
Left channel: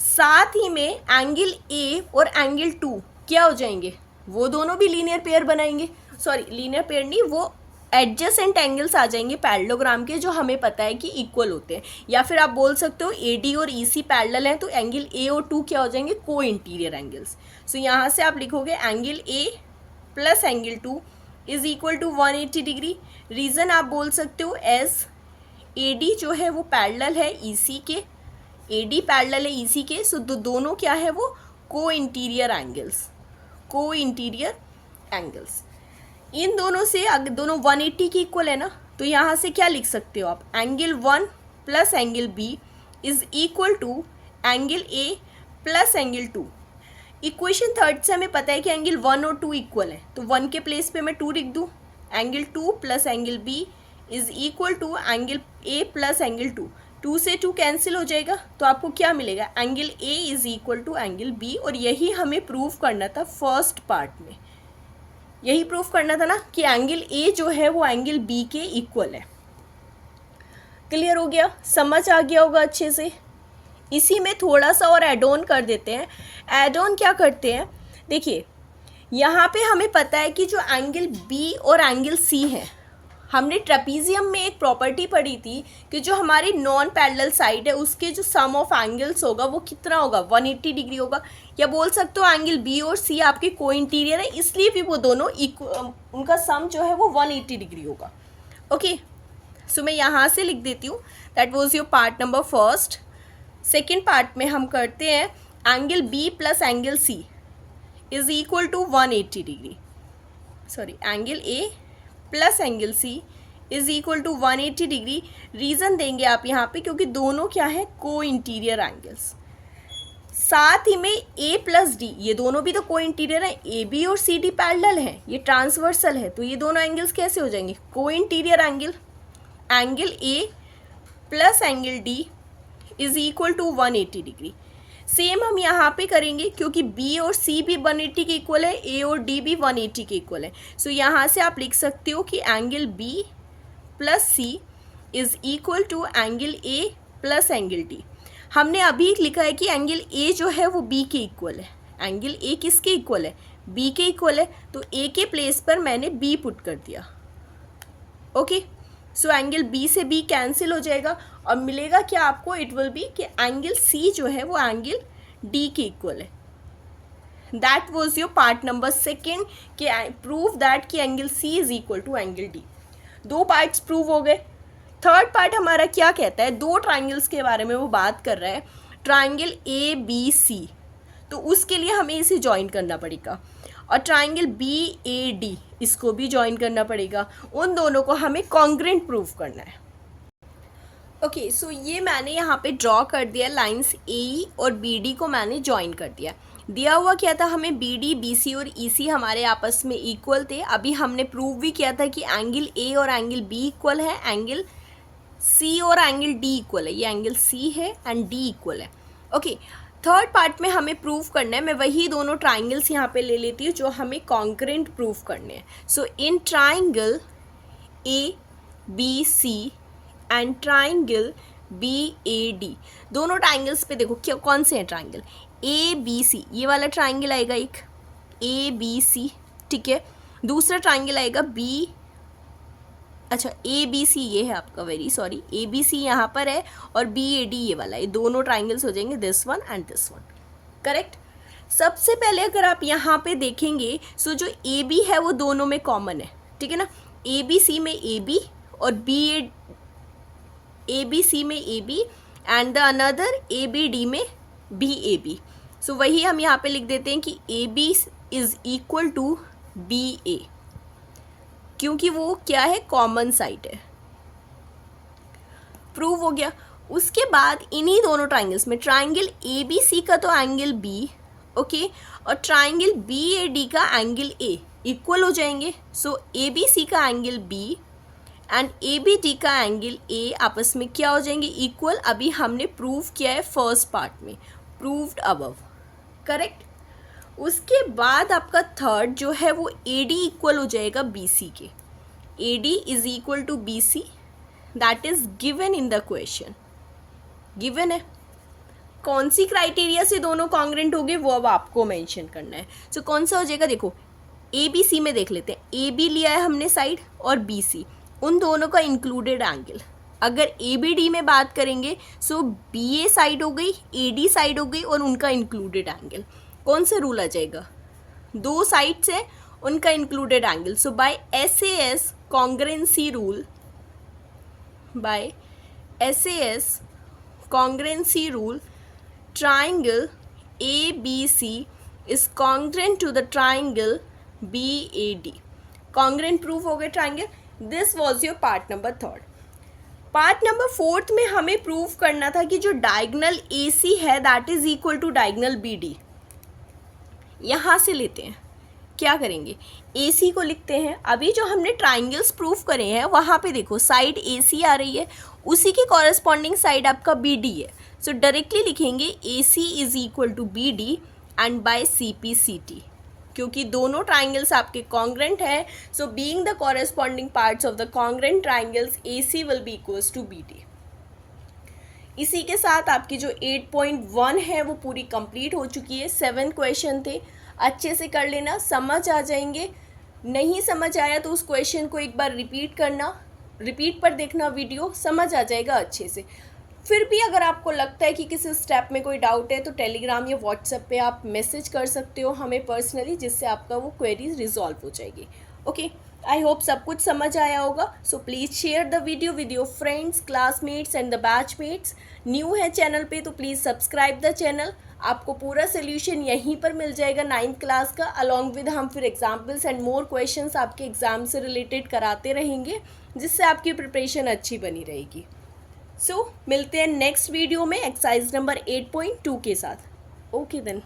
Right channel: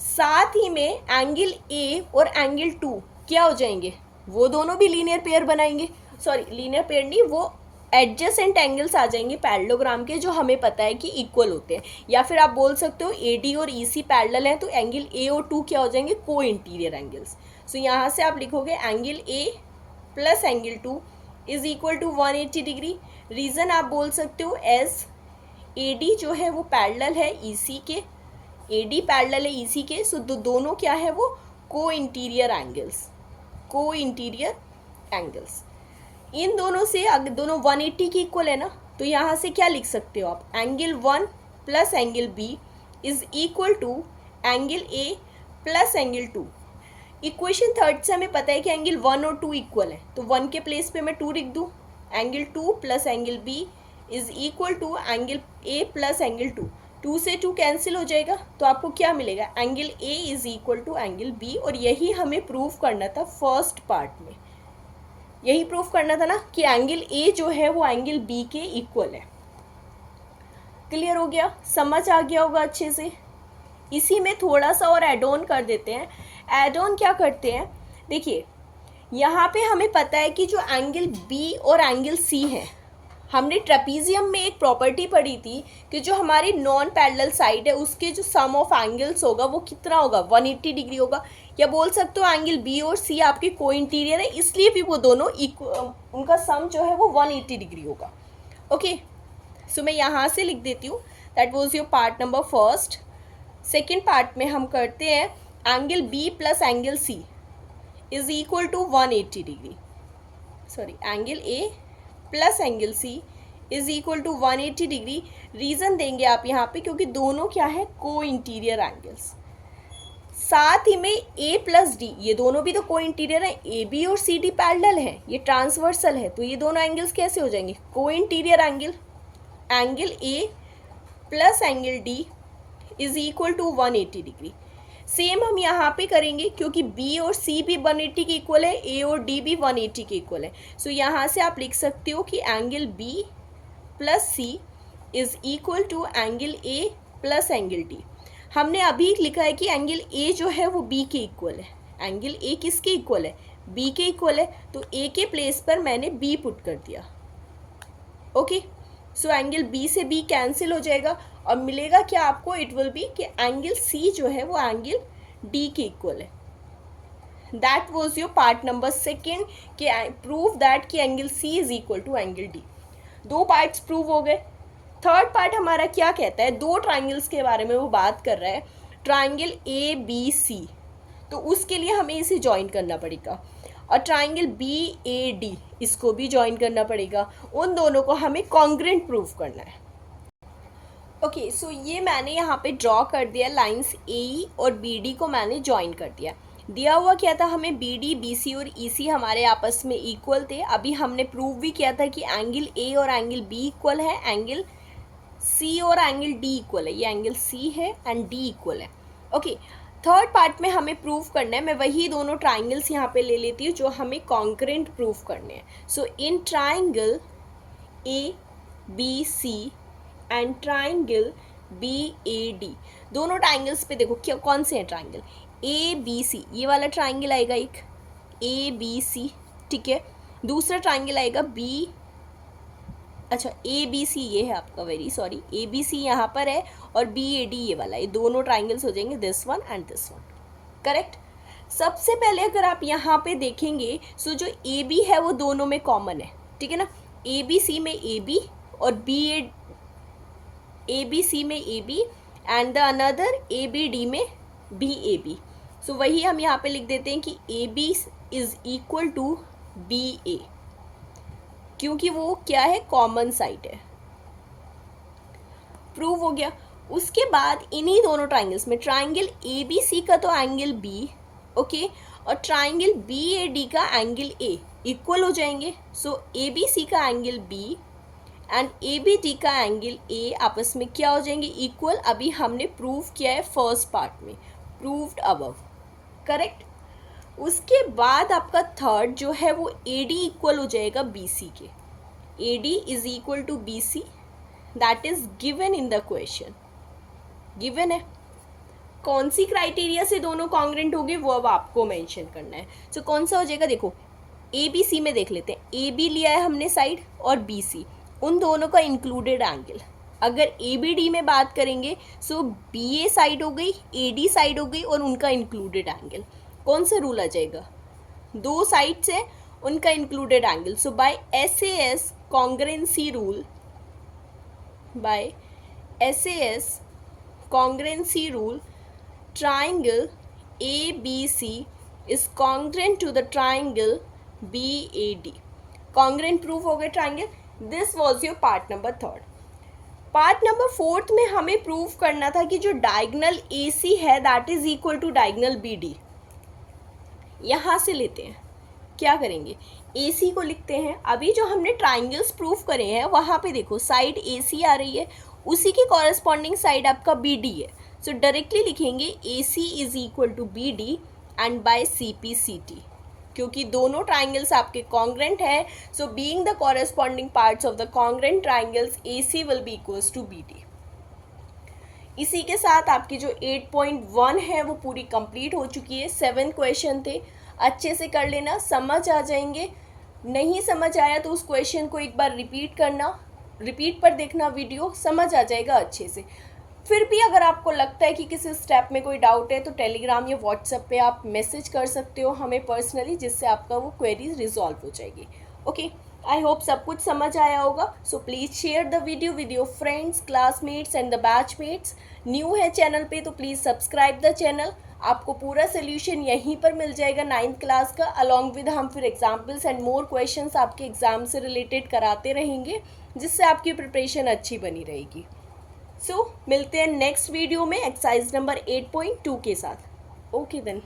साथ ही में एंगल ए और एंगल टू क्या हो जाएंगे, वो दोनों भी लीनियर पेयर बनाएंगे। सॉरी, लीनियर पेयर नहीं, वो एडजेसेंट एंगल्स आ जाएंगे पैरेललोग्राम के, जो हमें पता है कि इक्वल होते हैं। या फिर आप बोल सकते हो AD और EC पैरेलल हैं, तो एंगल A और 2 क्या हो जाएंगे, को इंटीरियर एंगल्स। सो यहाँ से आप लिखोगे angle A plus angle 2 is equal to 180 degree. Reason आप बोल सकते हो एज AD जो है वो पैरेलल है EC के, AD पैरेलल है EC के, सो दोनों क्या है वो को इंटीरियर एंगल्स। इन दोनों से अगर दोनों 180 की इक्वल है ना, तो यहाँ से क्या लिख सकते हो आप, angle 1 plus angle B is equal to angle A plus angle 2। Equation third से हमें पता है कि एंगल 1 और 2 इक्वल है, तो 1 के प्लेस पे मैं 2 लिख दूँ। Angle 2 plus angle B is equal to angle A plus angle 2। 2 से 2 कैंसिल हो जाएगा, तो आपको क्या मिलेगा, angle A is equal to angle B। और यही हमें प्रूव करना था फर्स्ट पार्ट में, यही प्रूफ करना था ना कि एंगल A जो है वो एंगल B के इक्वल है। क्लियर हो गया, समझ आ गया होगा अच्छे से। इसी में थोड़ा सा और ऐड ऑन कर देते हैं। ऐड ऑन क्या करते हैं, देखिए यहाँ पे हमें पता है कि जो एंगल B और एंगल C है, हमने ट्रेपीजियम में एक प्रॉपर्टी पढ़ी थी कि जो हमारी नॉन पैरेलल साइड है उसके जो सम ऑफ एंगल्स होगा वो कितना होगा, 180 डिग्री होगा। या बोल सकते हो एंगल B और C आपके को इंटीरियर है, इसलिए भी वो दोनों उनका सम जो है वो 180 डिग्री होगा। ओके, सो मैं यहाँ से लिख देती हूँ, that was your part number first. Second part में हम करते हैं angle B plus angle C is equal to 180 degree. Sorry, angle A plus angle C is equal to 180 degree. Reason देंगे आप यहाँ पे, क्योंकि दोनों क्या है, को इंटीरियर एंगल्स। साथ ही में A प्लस D, ये दोनों भी तो को इंटीरियर है, AB और CD पैरेलल है, ये ट्रांसवर्सल है, तो ये दोनों एंगल्स कैसे हो जाएंगे, को interior angle. Angle A plus angle D is equal to 180 degree. Same हम यहाँ पे करेंगे, क्योंकि B और C भी 180 के इक्वल है, A और D भी 180 के इक्वल है। सो यहाँ से आप लिख सकते हो कि angle B plus C is equal to angle A plus angle D। हमने अभी लिखा है कि एंगल A जो है वो B के इक्वल है। एंगल A किसके इक्वल है, B के इक्वल है, तो A के प्लेस पर मैंने B पुट कर दिया। ओके, सो एंगल B से B कैंसिल हो जाएगा और मिलेगा क्या आपको, इट विल बी कि एंगल C जो है वो एंगल D के इक्वल है। That was your part number second, कि प्रूव दैट कि angle C is equal to angle D। 2 parts prove हो गए। थर्ड पार्ट हमारा क्या कहता है, 2 ट्राइंगल्स के बारे में वो बात कर रहा है, ट्राइंगल ABC। तो उसके लिए हमें इसे ज्वाइन करना पड़ेगा, और ट्राइंगल BAD इसको भी ज्वाइन करना पड़ेगा। उन दोनों को हमें कॉन्ग्रुएंट प्रूव करना है। ओके, सो ये मैंने यहाँ पे ड्रॉ कर दिया, लाइंस AE और BD को मैंने ज्वाइन कर दिया। दिया हुआ क्या था हमें, BD, BC और EC हमारे आपस में इक्वल थे। अभी हमने प्रूव भी किया था कि एंगल A और एंगल B इक्वल है, एंगल C और एंगल D इक्वल है। ये एंगल C है एंड D इक्वल है। ओके, थर्ड पार्ट में हमें प्रूव करना है, मैं वही दोनों ट्राइंगल्स यहाँ पे ले लेती हूँ जो हमें कॉन्करेंट प्रूव करने हैं। So in triangle ABC and triangle BAD, दोनों ट्राइंगल्स पे देखो क्या कौन से हैं ट्राइंगल, ABC, ये वाला ट्राइंगल आएगा एक ABC, ठीक है। दूसरा ट्राइंगल आएगा ABC, ये है आपका, वेरी सॉरी, ABC यहाँ पर है, और BAD ये वाला, ये दोनों ट्राइंगल्स हो जाएंगे this one and this one, correct. सबसे पहले अगर आप यहाँ पे देखेंगे, सो जो AB है वो दोनों में कॉमन है, ठीक है ना। ABC में AB और ABC में AB and the another ABD में BAB। सो वही हम यहाँ पे लिख देते हैं कि AB is equal to BA, क्योंकि वो क्या है, कॉमन साइड है। प्रूव हो गया। उसके बाद इन्हीं दोनों ट्राइंगल्स में ट्राइंगल ABC का तो एंगल B, ओके, और ट्राइंगल BAD का एंगल A इक्वल हो जाएंगे। सो ABC का एंगल B एंड ABD का एंगल A आपस में क्या हो जाएंगे, इक्वल। अभी हमने प्रूव किया है फर्स्ट पार्ट में, प्रूव्ड अबव, करेक्ट। उसके बाद आपका थर्ड जो है वो AD इक्वल हो जाएगा BC के। AD is equal to BC, that is given in the question, given है। कौन सी क्राइटेरिया से दोनों कॉन्ग्रेंट हो गए वो अब आपको मेंशन करना है। सो कौन सा हो जाएगा, देखो ए बी सी में देख लेते हैं। ए बी लिया है हमने साइड और बी सी, उन दोनों का इंक्लूडेड एंगल। अगर ए बी डी में बात करेंगे सो बी ए साइड हो गई, ए डी साइड हो गई और उनका इंक्लूडेड एंगल। कौन सा रूल आ जाएगा, दो साइड से उनका included angle. So by SAS congruency rule, by SAS congruency rule, triangle ABC is congruent to the triangle BAD. Congruent proof हो गया triangle. This was your part number 3rd. Part number 4th में हमें prove करना था कि जो diagonal AC है that is equal to diagonal BD। यहाँ से लेते हैं, क्या करेंगे, AC को लिखते हैं। अभी जो हमने ट्राइंगल्स प्रूफ करे हैं वहाँ पे देखो साइड AC आ रही है, उसी की कॉरेस्पॉन्डिंग साइड आपका BD है। सो डायरेक्टली लिखेंगे AC is equal to BD and by CP CT, क्योंकि दोनों ट्राइंगल्स आपके कॉन्ग्रेंट है। So being the corresponding parts of the congruent triangles AC will be equals to BD। इसी के साथ आपकी जो 8.1 है वो पूरी कंप्लीट हो चुकी है। 7 क्वेश्चन थे, अच्छे से कर लेना, समझ आ जाएंगे। नहीं समझ आया तो उस क्वेश्चन को एक बार रिपीट करना, रिपीट पर देखना वीडियो, समझ आ जाएगा अच्छे से। फिर भी अगर आपको लगता है कि किसी स्टेप में कोई डाउट है तो टेलीग्राम या व्हाट्सएप पे आप मैसेज कर सकते हो हमें पर्सनली, जिससे आपका वो क्वेरी रिजॉल्व हो जाएगी। ओके, आई होप सब कुछ समझ आया होगा। So please share the video with your friends, classmates and the batchmates. New है चैनल पे तो प्लीज़ सब्सक्राइब द चैनल। आपको पूरा सोल्यूशन यहीं पर मिल जाएगा 9th क्लास का, अलॉन्ग विद हम फिर एग्जाम्पल्स एंड मोर क्वेश्चंस आपके एग्जाम से रिलेटेड कराते रहेंगे, जिससे आपकी प्रिपरेशन अच्छी बनी रहेगी। सो मिलते हैं नेक्स्ट वीडियो में एक्सरसाइज नंबर 8.2 के साथ। Okay then.